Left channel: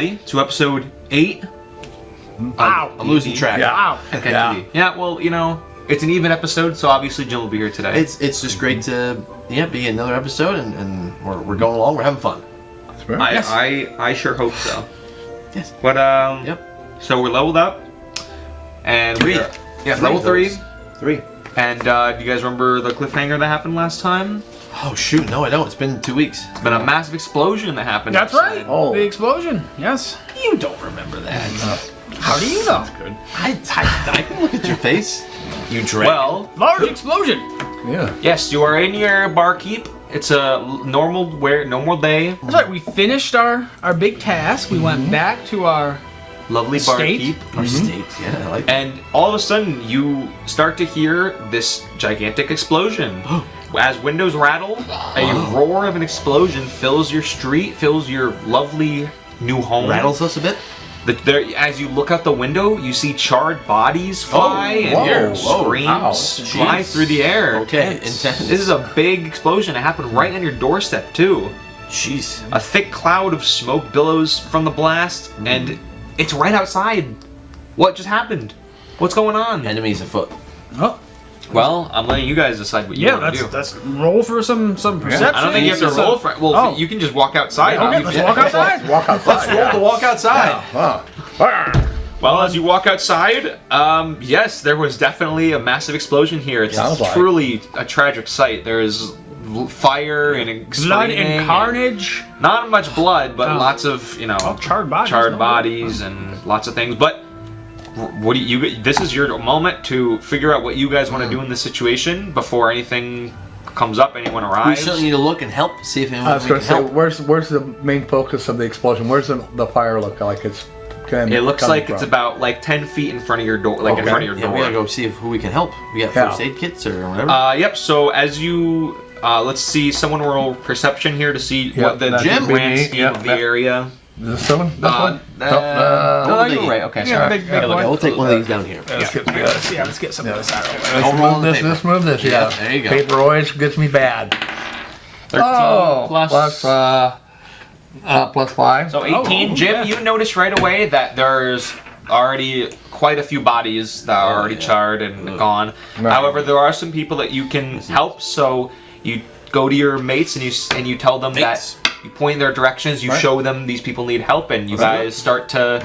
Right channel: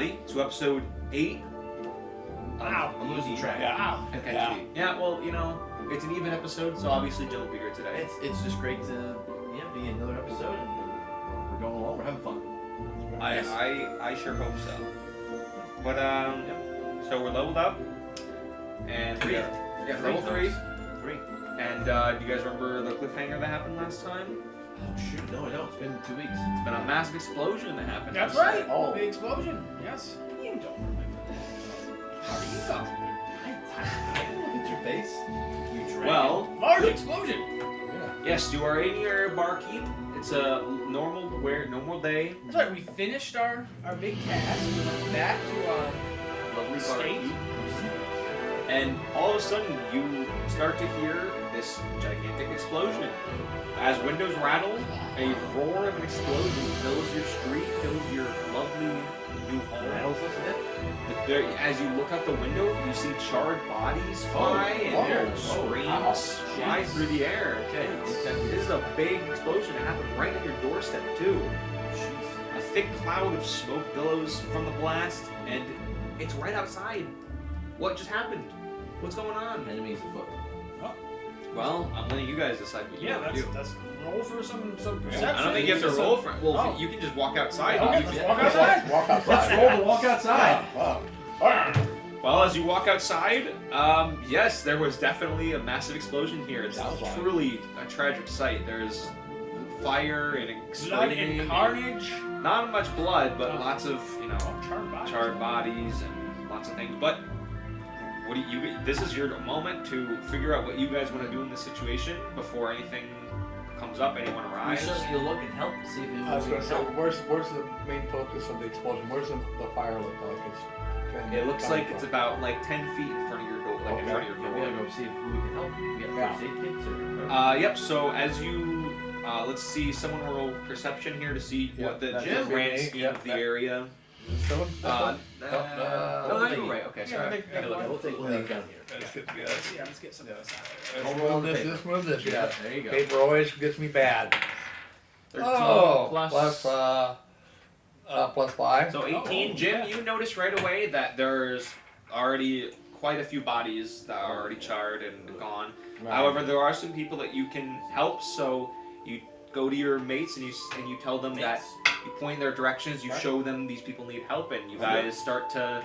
everybody, to episode 8. Wow. I'm losing track. Yeah. Wow. Okay. Yeah, well, you know, it's an even episode, so obviously Jim will be here today. It's just great to be another episode, and we're going along. We're having fun. That's right. I sure hope so. Yes. But Yep. so we're leveled up, and Three. level 3. 3. And do you guys remember the cliffhanger that happened last time? Oh shoot! No, I don't. It's been 2 weeks. It's been a massive explosion that happened. That's right. Oh. The explosion. Yes. You don't remember that. How do you know? Good. I can look at your face. You dread. Well, Large explosion. Yeah. yes, you are in your barkeep. It's a normal day. That's right. We finished our big task. We went back to our Lovely Estate? barkeep. our state. Yeah, I like. And all of a sudden, you start to hear this gigantic explosion. As windows rattle, a roar of an explosion fills your street, fills your lovely new home. Rattles us a bit. As you look out the window, you see charred bodies fly and whoa, hear whoa, screams fly jeez. through the air. Okay, This intense. is a big explosion. It happened right on your doorstep, too. Jeez. A thick cloud of smoke billows from the blast, and it's right outside. What just happened? What's going on? Enemies afoot. Oh. Well, I'm letting you guys decide what you Yeah. want to do. Let's roll for some perception. I don't think you have to roll for it. Well, Oh. you can just walk outside. Okay. Let's walk outside. Walk outside. Roll to walk outside. Wow. Well, as you walk outside, yes, there was definitely a massive explosion here. It's Sounds like. truly a tragic sight. There is fire and Blood screaming and carnage. Not much blood, but Oh. lots of Charred bodies. charred no? bodies and lots of things. But what do you? This is your moment to figure out what you guys want to do in this situation before anything comes up. Anyone We arrives? certainly need to look and help. See if I anyone was we going can to say, help. where's the main focus of the explosion? Where's the fire look like? It's kind It looks coming like it's from? about like 10 feet in front of your door, like in Okay. front of your Yeah, door. we gotta go see who we can help. We got Yeah. first aid kits or whatever. Yep. So as you, let's see, someone roll perception here to see Yep, what the that should be grand me. scheme Yep, of the that- area. Is this one? This one? No, no, you they- were right. Okay, Yeah, sorry. big Okay, boy. we'll take one of these down here. Let's get Let's get some of this out of the way. I'll roll move the this, paper. this, move this. Yeah, Yeah. there you go. Paper always gets me bad. 13 plus 5. So 18. Oh, Jim, yeah. you noticed right away that there's already quite a few bodies that are already yeah. charred and gone. Right. However, there are some people that you can help. So you go to your mates and you tell them Mates. that you point in their directions. You Right. show them these people need help, and you guys start to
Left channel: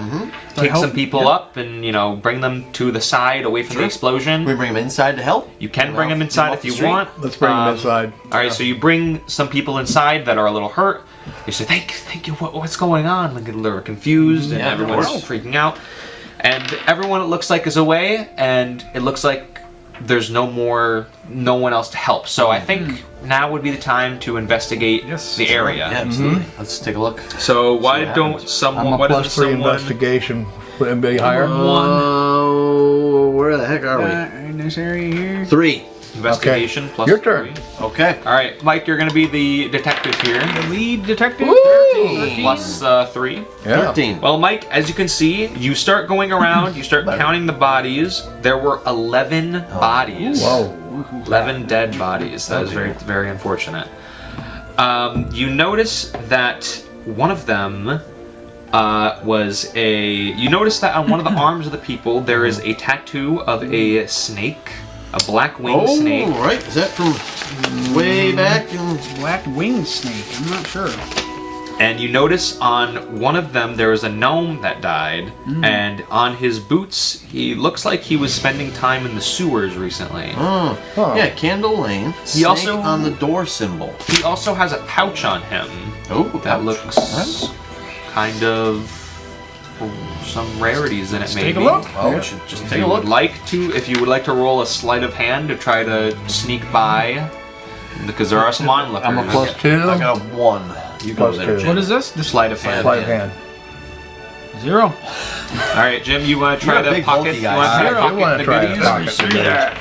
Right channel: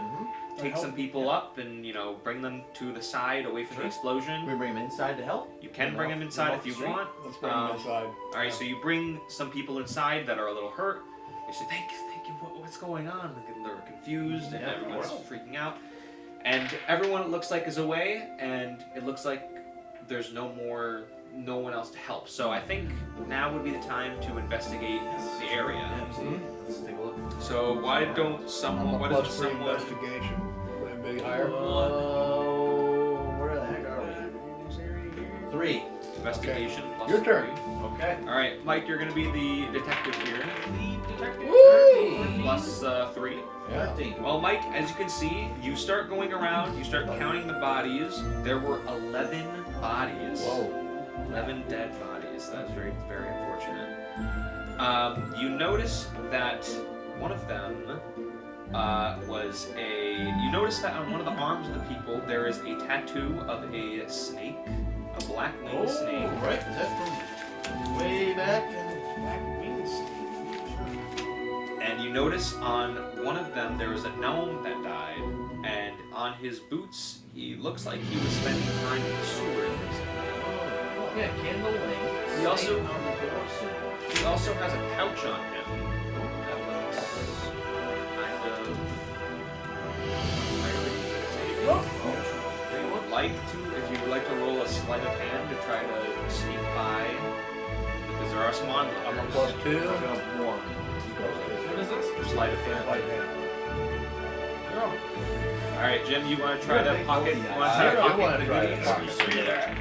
take help. some people up and bring them to the side away from the Sure. explosion. We bring them inside to help. You can bring them Get inside off if the you street. want. Let's bring them inside. All right, so you bring some people inside that are a little hurt. You say, "Thank you. What's going on?" Like they're confused and Yeah, of everyone's course. freaking out. And everyone it looks like is away, and it looks like there's no one else to help. So I think now would be the time to investigate Yes. the area. Yeah, absolutely. Let's take a look. So why what don't happens. someone? I'm a Why does plus 3 someone? investigation. Would anybody higher? Where the heck are we? In this area here. 3. Investigation plus Your turn. 3. Okay. All right, Mike, you're going to be the detective here. The lead detective. Plus 3. Yeah. 13. Well, Mike, as you can see, you start going around, you start counting the bodies. There were 11 bodies. Whoa. 11 dead bodies. That is very, very unfortunate. You notice that one of them You notice that on one of the arms of the people, there is a tattoo of a snake. A black winged snake. Right. Is that from way back in... Black winged snake. I'm not sure. And you notice on one of them there is a gnome that died, and on his boots he looks like he was spending time in the sewers recently. Oh. Huh. Yeah, Candle Lane. Snake also- on the door symbol. He also has a pouch on him Oh, that looks kind of some rarities in it. Let's maybe. take a look. Oh, Yeah. we should just If take you a look. would like to, if you would like to roll a sleight of hand to try to sneak by, because there are some onlookers. I'm a plus 2. I got a 1. You go Plus there, 2. Jim. What is this? The sleight of hand. Sleight of hand. 0. All right, Jim, you want to try You're a the big pocket? bulky You guy. want to try Zero. to You pocket wanna the try goodies? the pocket. See that?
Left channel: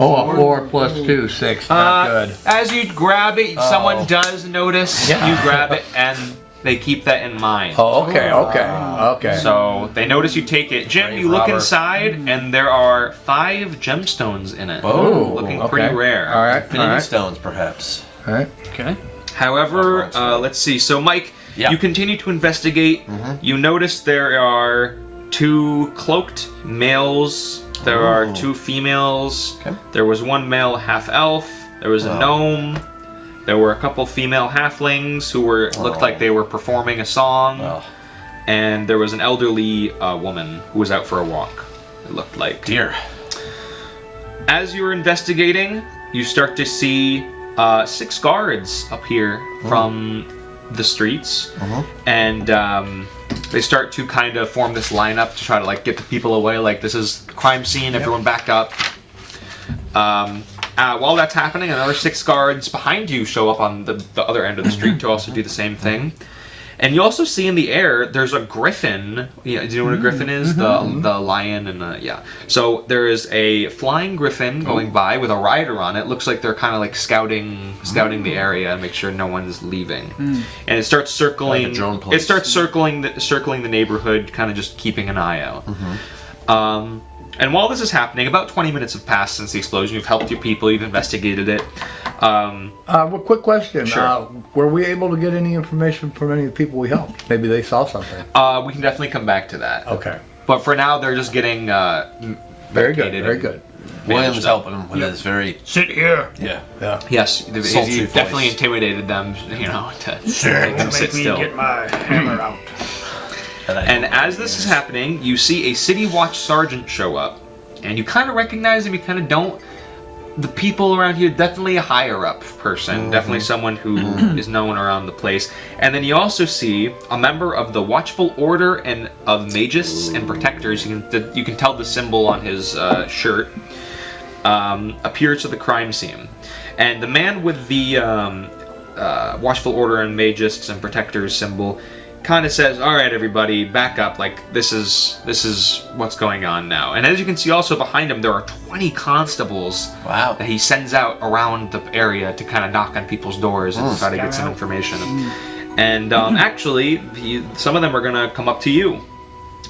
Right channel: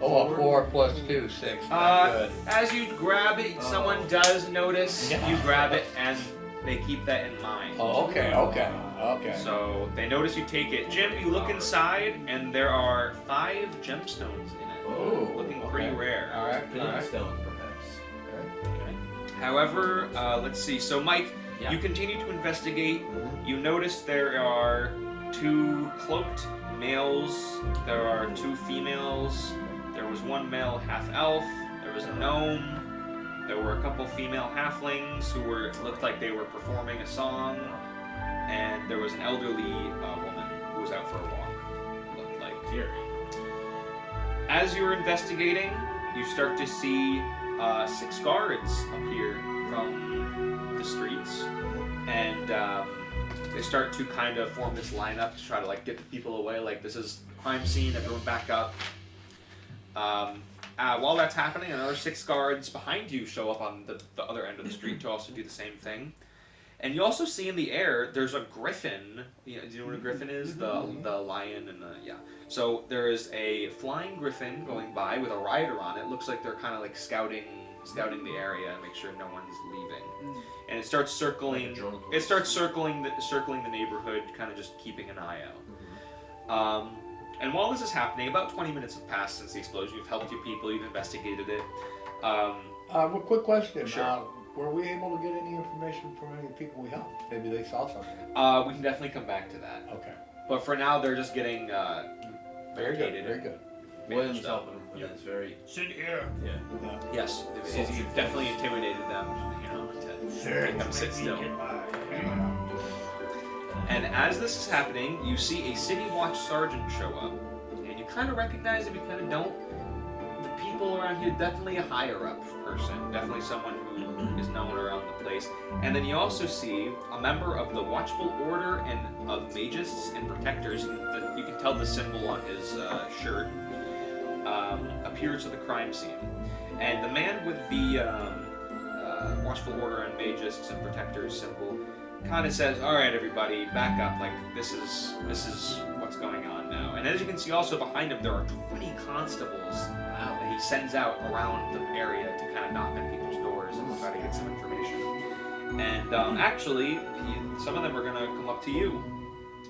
Oh, a 4 plus 2, 6. Not good. As you grab it, someone does notice. Yeah. You grab it, and they keep that in mind. Oh, okay. So they notice you take it. Jim, Brave you look robber. inside, and there are 5 gemstones in it. Oh, looking okay. pretty rare. All right. Infinity stones, perhaps. All right. Okay. However, let's see. So, Mike, Yeah. You continue to investigate. You notice there are 2 cloaked males. There are 2 females. Okay. There was 1 male half-elf. There was a gnome. There were a couple female halflings who looked like they were performing a song. And there was an elderly woman who was out for a walk, it looked like. Dear. As you're investigating, you start to see 6 guards appear from the streets. And they start to kind of form this lineup to try to like get the people away. Like, this is a crime scene, everyone back up. While that's happening, another 6 guards behind you show up on the other end of the street to also do the same thing. And you also see in the air, there's a griffin. Yeah, do you know what a griffin is? The lion and yeah. So there is a flying griffin going by with a rider on it. Looks like they're kind of like scouting the area and make sure no one's leaving. And it starts circling. Like a drone police. It starts circling the neighborhood, kind of just keeping an eye out. And while this is happening, about 20 minutes have passed since the explosion. You've helped your people. You've investigated it. Well, quick question. Sure. Were we able to get any information from any of the people we helped? Maybe they saw something. We can definitely come back to that. Okay. But for now, they're just getting Very good. medicated Very and good. William's helping him with his very... Sit here. Yeah. Yeah. Yes, Sultry you voice. definitely intimidated them, you know, to make them sit still. Get my hammer out. And as this is happening, you see a City Watch sergeant show up, and you kind of recognize him, you kind of don't. The people around here, definitely a higher up person, definitely someone who is known around the place. And then you also see a member of the Watchful Order and of Magus and Protectors. You can tell the symbol on his shirt appears to the crime scene, and the man with the Watchful Order and Magus and Protectors symbol kind of says, "All right, everybody, back up. Like, this is what's going on now." And as you can see, also behind him, there are 20 constables Wow. that he sends out around the area to kind of knock on people's doors and try to get some information. And actually, some of them are gonna come up to you,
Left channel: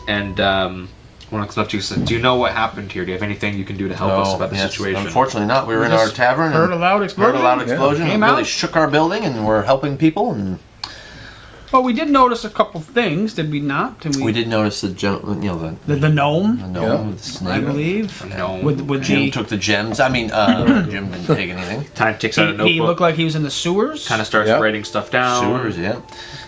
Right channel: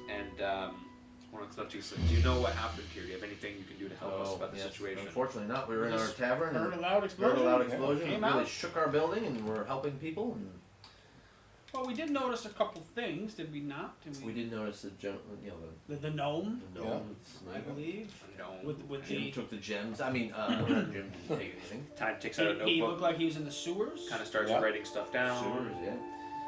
and one comes up to you and says, "Do you know what happened here? Do you have anything you can do to help us about the situation?" Unfortunately not. We were in our tavern. Heard a and loud explosion. Heard a loud explosion. Came It really out. shook our building, and we're helping people. And Well, we did notice a couple things, did we not? Did we did notice the gentleman, you know, The gnome, the gnome with the snake. I believe. No. With Jim the, took the gems. I mean, Jim didn't take anything. Time takes out a notebook. he looked like he was in the sewers. kind of starts Yep. writing stuff down. Sewers, yeah.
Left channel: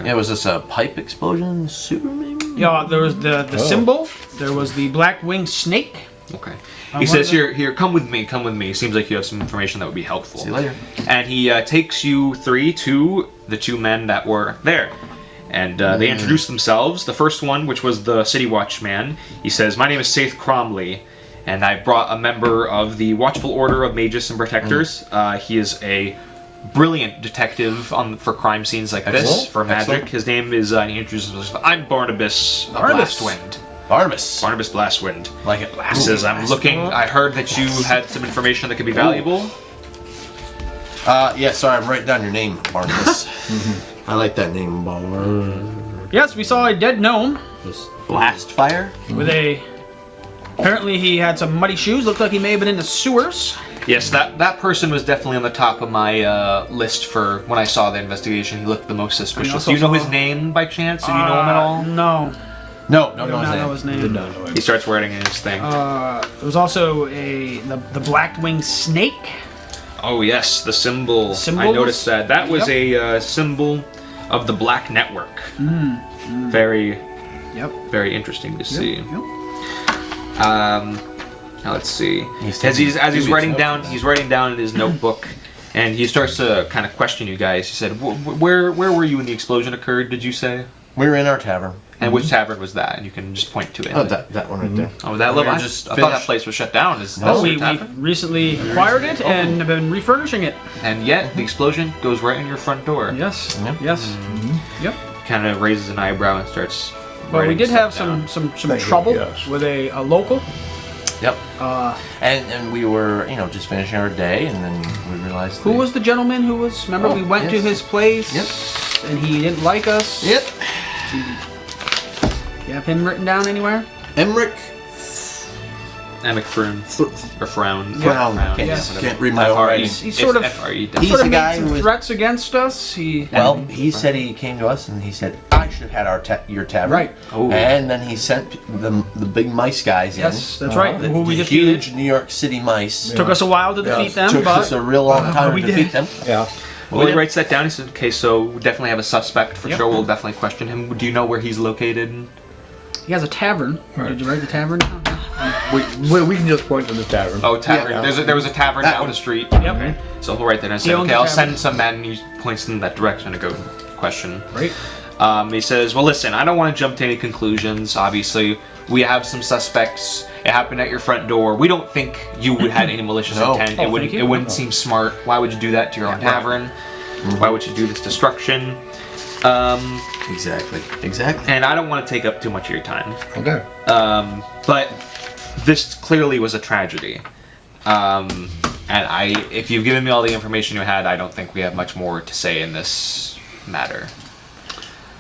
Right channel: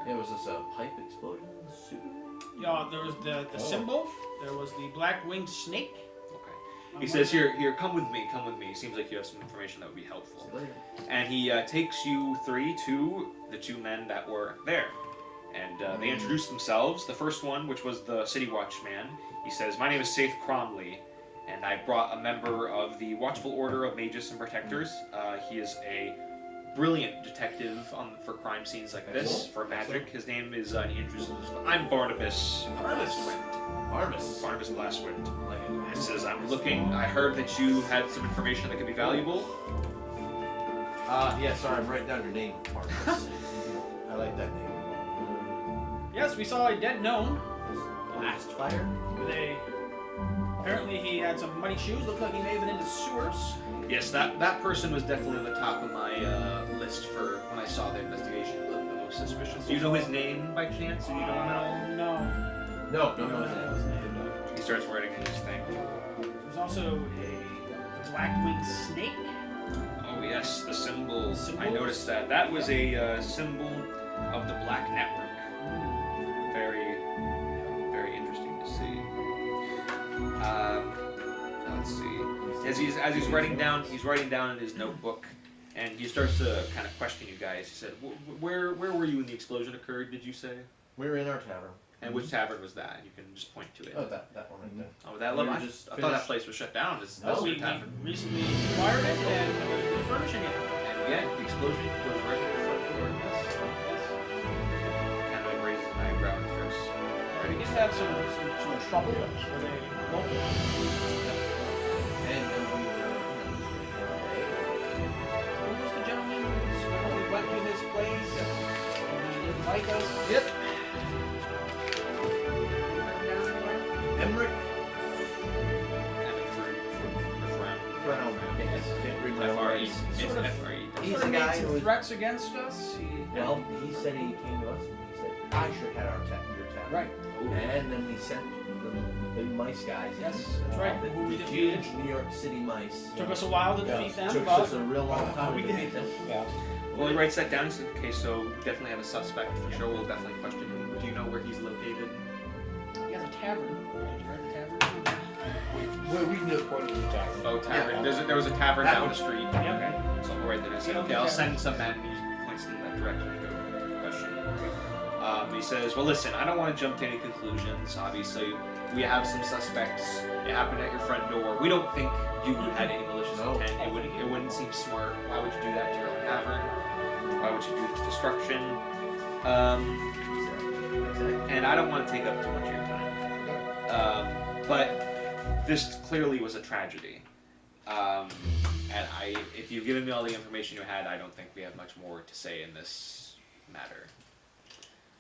Yeah, was this a pipe explosion in the sewer, maybe? Yeah, there was the symbol. There was the black winged snake. Okay. I He says, wonder- here, come with me, come with me. Seems like you have some information that would be helpful. See you later. And he takes you 3 to the 2 men that were there. And they introduce themselves. The first one, which was the City Watch man, he says, "My name is Saith Cromley, and I brought a member of the Watchful Order of Magus and Protectors. He is a brilliant detective for crime scenes like this, Excellent. for magic. Excellent. His name is, he introduces himself, I'm Barnabas of Barnabas. Blastwind. Barnabas. Barnabas Blastwind. Like it. He says, I'm looking, I heard that you had some information that could be valuable. Yeah, sorry, I'm writing down your name, Barnabas. I like that name, Barnabas. Yes, we saw a dead gnome Blast fire? with a. Apparently, he had some muddy shoes. Looked like he may have been in the sewers. Yes, that person was definitely on the top of my list for when I saw the investigation. He looked the most suspicious. also Do you know his saw- name by chance? Do you know him at all? No, No, I don't do know not his know name. his name. He starts writing in his thing. There was also the black winged snake. Oh yes, the symbol. I Symbols? noticed that. That was Yep. a symbol of the Black Network. Very, Yep. very interesting to see. Yep. Now let's see. He's As he's taking writing notes. down, he's writing down in his notebook, and he starts to kind of question you guys. He said, "Where were you when the explosion occurred? Did you say? We were in our tavern. And which tavern was that?" And you can just point to it. Oh, that one right there. Oh, that We little. were I just thought that finished- place was shut down. Is No, that we your tavern? recently acquired it and have been refurbishing it. And yet the explosion goes right in your front door. Yes. Yeah. Yes. Yep. Kind of raises an eyebrow and starts. But we writing did have stuff down. some Thank you, trouble yes. with a local. Yep. Uh, And we were, just finishing our day, and then we realized. who was the gentleman who was? Remember, Oh, we went to yes. his place. Yep. And he didn't like us. Yep. You have him written down anywhere? Emmerich Emmick or Frown. Frown. Yes. Can't read my own writing. He sort of, F-R-E-W. He's sort of the made guy some who was- threats against us. Well, he said he came to us and he said, I should have had your tavern. Right. Oh. And then he sent the big mice guys Yes, in. that's right. The, Who we the defeated. huge New York City mice. Took us a while to defeat them, Took but us a real long time we to did. defeat them. Yeah. Well, he writes that down. He said, okay, so we definitely have a suspect for Yep. sure. We'll definitely question him. Do you know where he's located? he has a tavern. Right. Did you write the tavern down? We can just point to the tavern. Oh, tavern. Yeah. There was a tavern That down one. the street. Yep. So he'll write that down and He say, owns okay, the I'll tavern. send some men. And he points in that direction to go question. Right. He says, well, listen, I don't want to jump to any conclusions. Obviously, we have some suspects. It happened at your front door. We don't think you would had any malicious No. intent. Oh, It wouldn't. thank you. It wouldn't seem smart. Why would you do that to your own tavern? Why would you do this destruction? Exactly. Exactly. And I don't want to take up too much of your time. Okay. But this clearly was a tragedy. And if you've given me all the information you had, I don't think we have much more to say in this matter.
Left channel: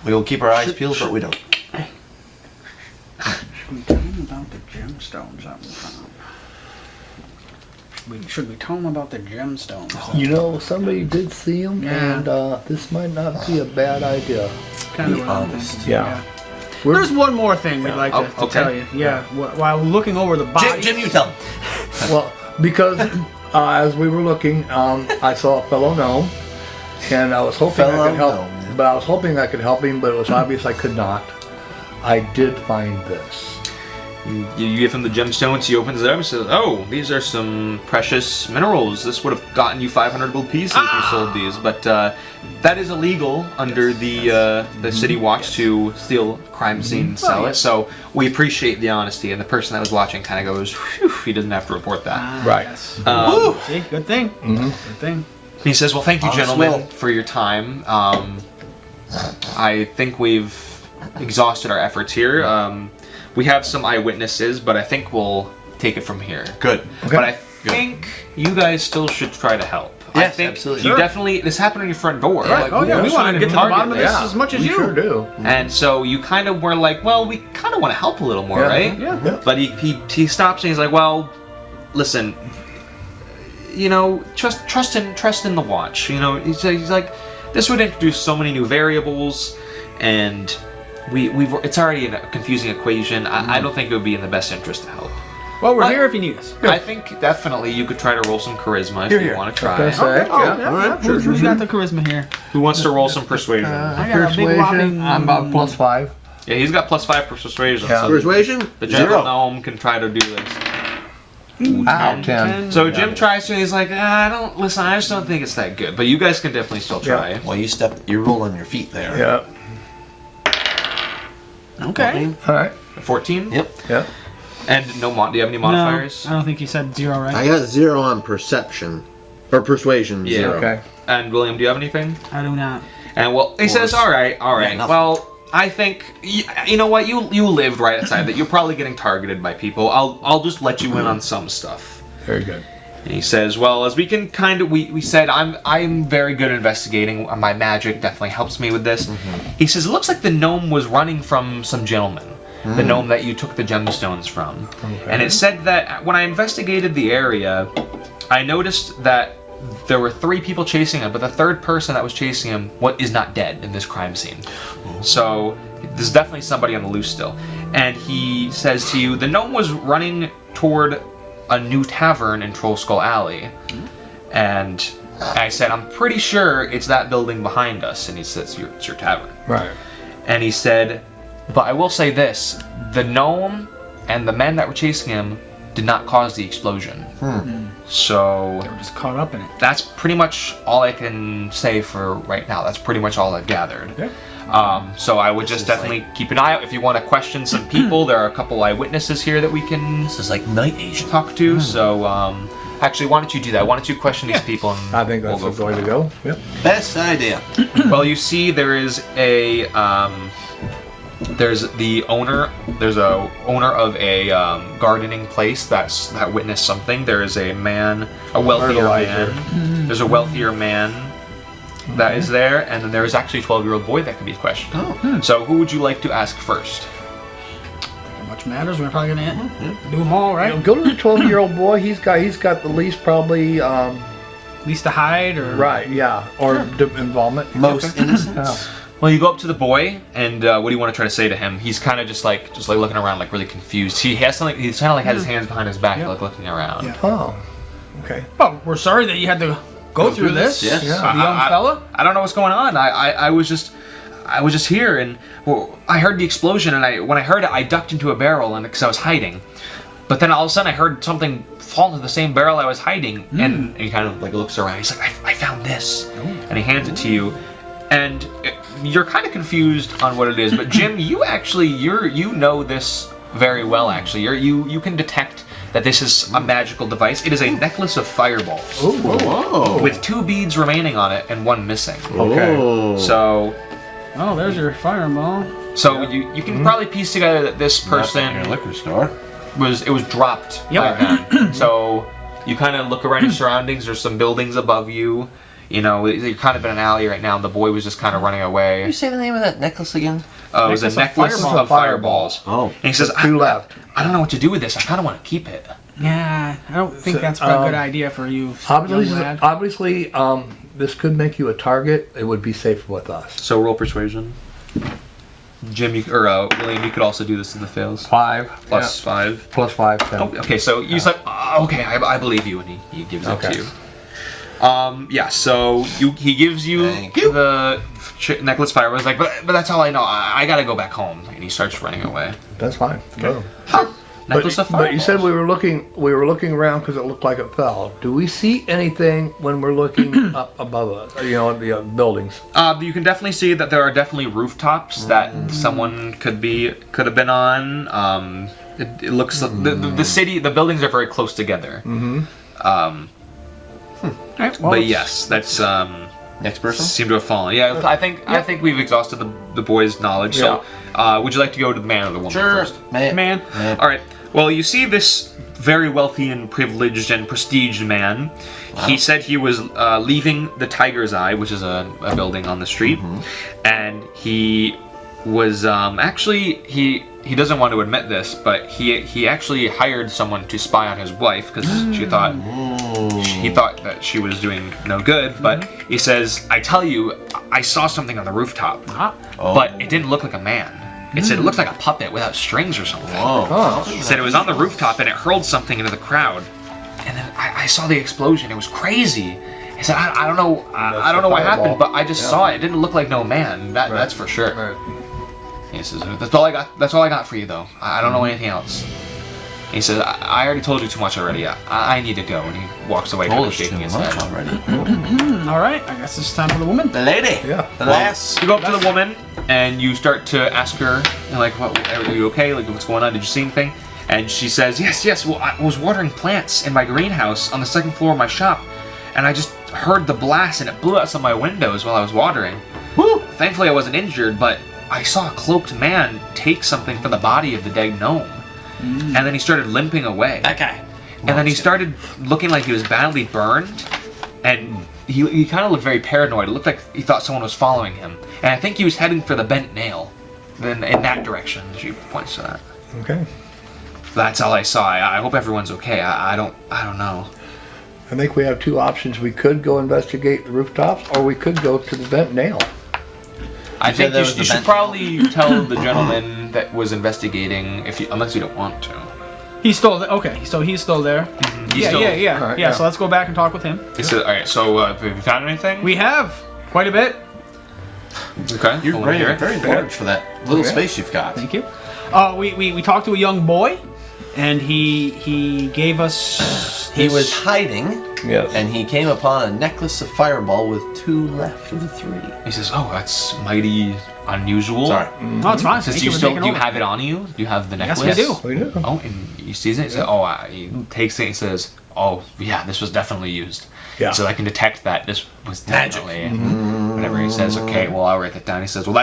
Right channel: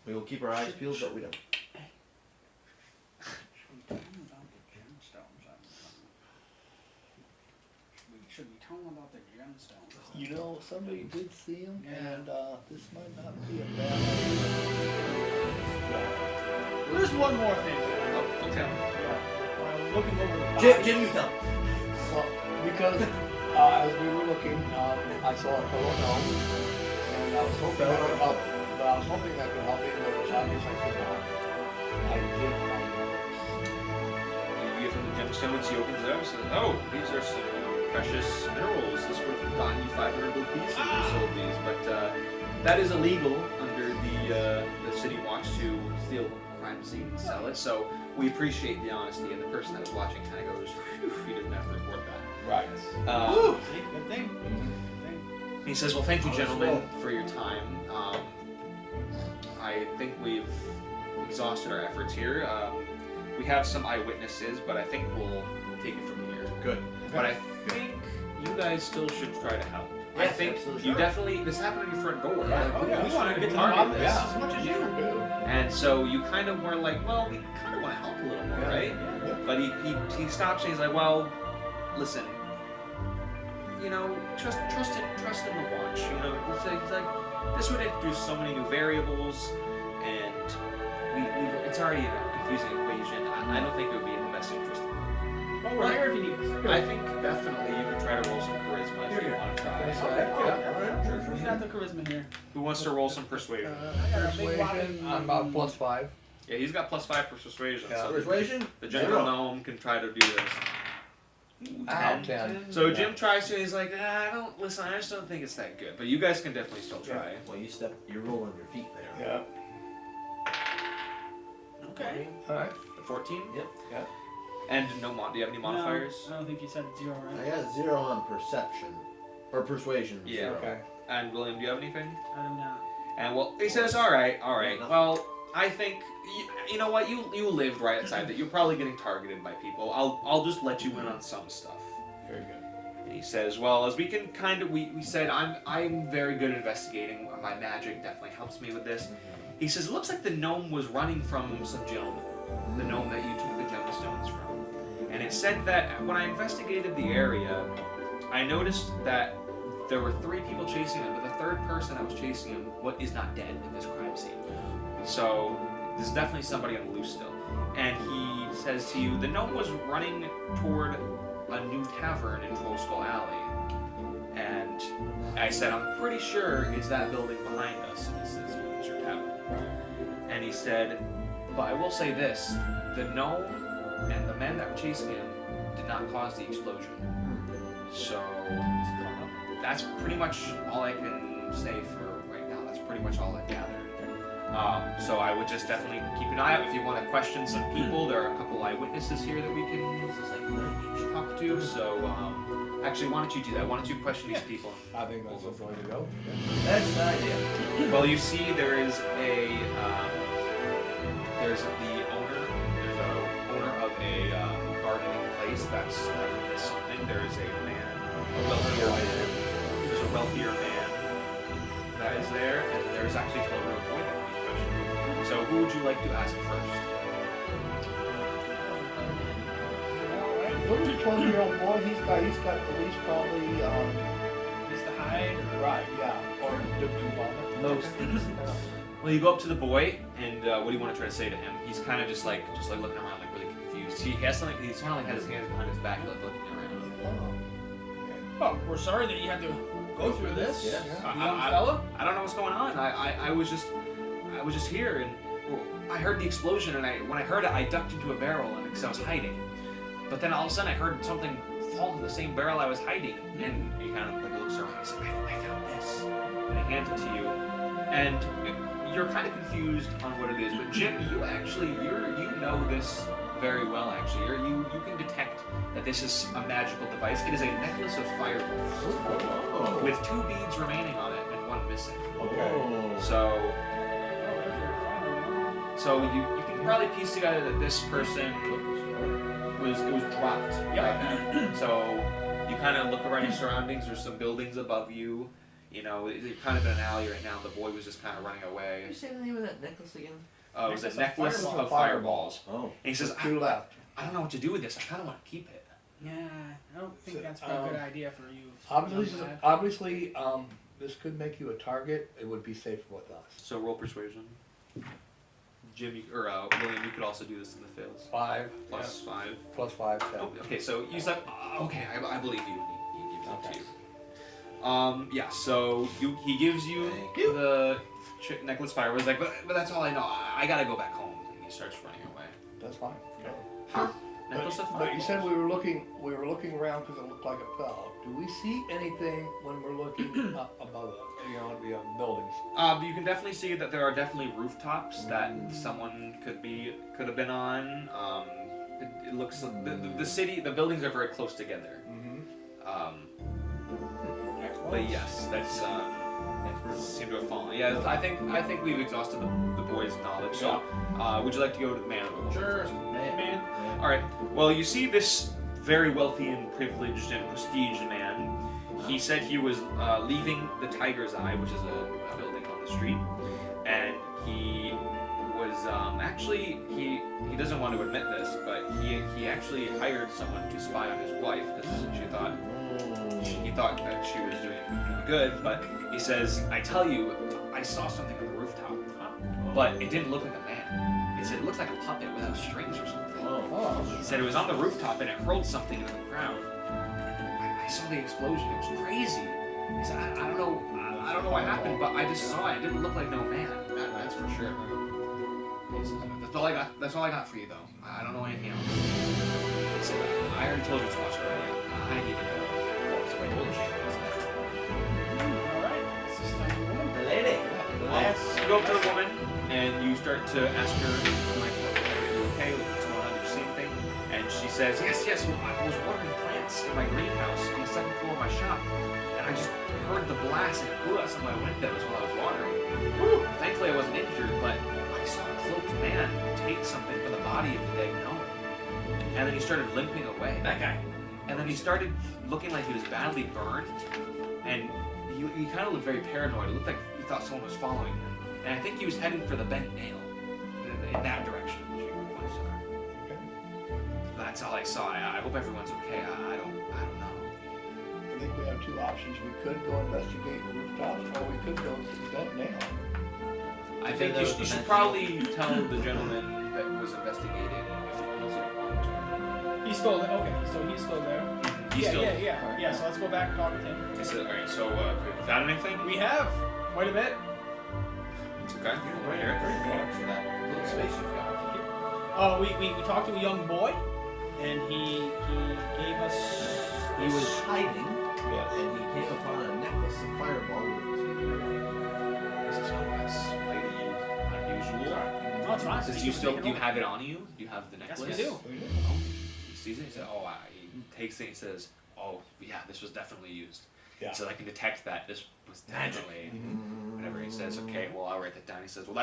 We will keep our eyes peeled, but we don't. Should we tell him about the gemstones that we found? Should we tell him about the gemstones? You know, somebody did see him, Yeah. and this might not be a bad idea. Kind Be of honest. Yeah. There's one more thing we'd like to okay. tell you. Yeah, while looking over the body. Jim, you tell him. Well, because as we were looking, I saw a fellow gnome, and I was hoping I Fellow could help. gnome. But I was hoping I could help him, but it was obvious I could not. I did find this. You give him the gemstones, he opens it up and says, oh, these are some precious minerals. This would have gotten you 500 gold pieces if you sold these. But that is illegal under the city watch to steal crime scene and sell it. So we appreciate the honesty. And the person that was watching kind of goes, phew, he doesn't have to report that. Right. Yes. Um, See, good thing. Good thing. He says, well, thank you, Honest gentlemen, will. for your time. I think we've exhausted our efforts here. We have some eyewitnesses, but I think we'll take it from here. Good. But I think you guys still should try to help. I Yes, think absolutely. you Sure. definitely, this happened on your front door. Right. Oh, yeah, we who's want trying to get to the target bottom of this Yeah, as much as we you. sure do. And so you kind of were like, well, we kind of want to help a little more, Yeah. right? Yeah. But he stops and he's like, well, listen, you know, trust in the watch. You know, he's like, this would introduce so many new variables, and it's already a confusing equation. I don't think it would be in the best interest to help. Well, we're But- here if you need us. I think definitely you could try to roll some charisma if you Here. want to try. Okay, so- Okay. Oh, Yeah. yeah. All right. Who's got the charisma here? Who wants to roll some persuasion? I got a big Persuasion, whopping. I'm about +5. Yeah, he's got +5 for persuasion. Yeah. So Persuasion? the gentle 0. gnome can try to do this. Ow, 10. So Jim tries to, and he's like, I just don't think it's that good. But you guys can definitely still try. Well, you roll on your feet there. Yeah. Okay. All right. 14? Yep. Yeah. And do you have any No, modifiers? I don't think he said 0, right? I got 0 on perception. Or persuasion, Yeah. 0. Okay. And William, do you have anything? I do not. And well, he says, all right. nothing. Well, I think you know what, you lived right outside that. You're probably getting targeted by people. I'll just let you in on some stuff. Very good. And he says, well, as we can kind of, we said, I'm very good at investigating. My magic definitely helps me with this. He says, it looks like the gnome was running from some gentleman. The gnome that you took the gemstones from. And it said that when I investigated the area, I noticed that there were 3 people chasing him, but the third person that was chasing him is not dead in this crime scene. So there's definitely somebody on the loose still. And he says to you, the gnome was running toward a new tavern in Troll Skull Alley. And I said, I'm pretty sure it's that building behind us. And he says, it's your tavern. Right. And he said, but I will say this, the gnome and the men that were chasing him did not cause the explosion. So They were just caught up in it. that's pretty much all I can say for right now. That's pretty much all I've gathered. Okay. So I would just definitely keep an eye out. If you want to question some people, there are a couple eyewitnesses here that we can This is like night agent. talk to. So actually, why don't you do that? Why don't you question these people? And I think that's we'll the way from to go. Yep. Best idea. there. Well, you see, there is a there's the owner. There's a owner of a gardening place that witnessed something. There is a man, a wealthier Fertilizer. man. There's a wealthier man that is there, and then there is actually a 12-year-old boy that can be questioned. Oh. So who would you like to ask first? How much much matters. We're probably gonna do them all, right? Go to the 12-year-old boy. He's got the least probably. At least to hide, or Right. Yeah. Or involvement. Most innocent. Yeah. Well, you go up to the boy, and what do you want to try to say to him? He's kind of just like looking around, like really confused. He has something. He's kind of like has his hands behind his back, Yeah. like looking around. Yeah. Oh. Okay. Oh, we're sorry that you had to go through this. Yes. Yeah. The young fella. I don't know what's going on. I was just here, and I heard the explosion, and when I heard it, I ducked into a barrel, and because I was hiding. But then all of a sudden, I heard something fall into the same barrel I was hiding, and he kind of like looks around. He's like, I found this, and he hands it to you, and you're kind of confused on what it is. But Jim, you know this very well. Actually, you can detect that this is a magical device. It is a necklace of fireballs. Ooh. Whoa. With 2 beads remaining on it and 1 missing. Okay. Ooh. So Oh, there's your fireball. you can probably piece together that this person Not at your liquor store. was dropped Yep. by them. So you kind of look around your surroundings. There's some buildings above you. You know, you're kind of in an alley right now, and the boy was just kind of running Can away. you say the name of that necklace again? It was a Necklace of necklace of fireballs. Oh. And he says, 2 left. I don't know what to do with this. I kind of want to keep it. Yeah, I don't think So, that's a good idea for you, young lad. Obviously, this could make you a target. It would be safe with us. So roll persuasion. Jim, William, you could also do this in the fails. 5 Plus 5. Plus 5. 10. Oh, okay, so he's like, okay, I believe you, and he gives it to you. Yeah, so he gives you Thank you. the necklace fire. Was like, but that's all I know. I gotta go back home, and he starts running away. That's fine. Go. Necklace of But you said fireballs. we were looking around because it looked like it fell. Do we see anything when we're looking up above us? You know, the buildings. You can definitely see that there are definitely rooftops that someone could have been on. It looks like the city, the buildings are very close together. Alright, well, But yes, that's Next person? seem to have fallen. Yeah, I think we've exhausted the boy's knowledge. So, would you like to go to the man or the woman first? man. All right. Well, you see this very wealthy and privileged and prestiged man. Wow. He said he was leaving the Tiger's Eye, which is a building on the street, and he was actually he doesn't want to admit this, but he actually hired someone to spy on his wife because he thought that she was doing no good. But he says, "I tell you, I saw something on the rooftop, but it didn't look like a man. It said it looked like a puppet without strings or something." Whoa. He said it was on the rooftop and it hurled something into the crowd, and then I saw the explosion. It was crazy. He said, "I don't know, I don't know what happened, but I just saw it. It didn't look like no man. That's for sure." Right. He says, "That's all I got. That's all I got for you, though. I don't know anything else." He says, "I already told you too much already. I need to go." And he walks away, kind Told of us too shaking his much head. already. Alright, I guess it's time for the woman. The lady. Yeah. The lass. You go up to the woman and you start to ask her, like, are you okay? Like, what's going on? Did you see anything? And she says, yes. Well, I was watering plants in my greenhouse on the 2nd floor of my shop, and I just heard the blast and it blew out some of my windows while I was watering. Woo. Thankfully, I wasn't injured, but I saw a cloaked man take something from the body of the dead gnome. And then he started limping away. That guy. And then he started looking like he was badly burned, and he kind of looked very paranoid. It looked like he thought someone was following him. And I think he was heading for the bent nail, then in that direction. She points to that. Okay. That's all I saw. I hope everyone's okay. I don't know. I think we have 2 options. We could go investigate the rooftops, or we could go to the bent nail. I said think that you was the should bent- probably tell the gentleman that was investigating, unless you don't want to. He's still there. Okay, so he's still there. He's Yeah, still- yeah. Alright, Yeah, yeah. so let's go back and talk with him. He said, all right. So have you found anything? We have quite a bit. Okay. You're I wanna hear very, it. very large for that little Okay. space you've got. Thank you. We talked to a young boy, and he gave us. He was hiding, Yes. and he came upon a necklace of fireball with 2 left of the 3. He says, "Oh, that's mighty unusual." Sorry. No, it's fine. He says, Thank do you for still taking do you over. have it on you? Do you have the Yes, necklace? we do. We do. Oh, and he sees it. He says, "Oh, he takes it." He says, "Oh, yeah, this was definitely used." Yeah. So I can detect that this was definitely. Whenever he says, "Okay, well, I'll write that down." He says, "Well,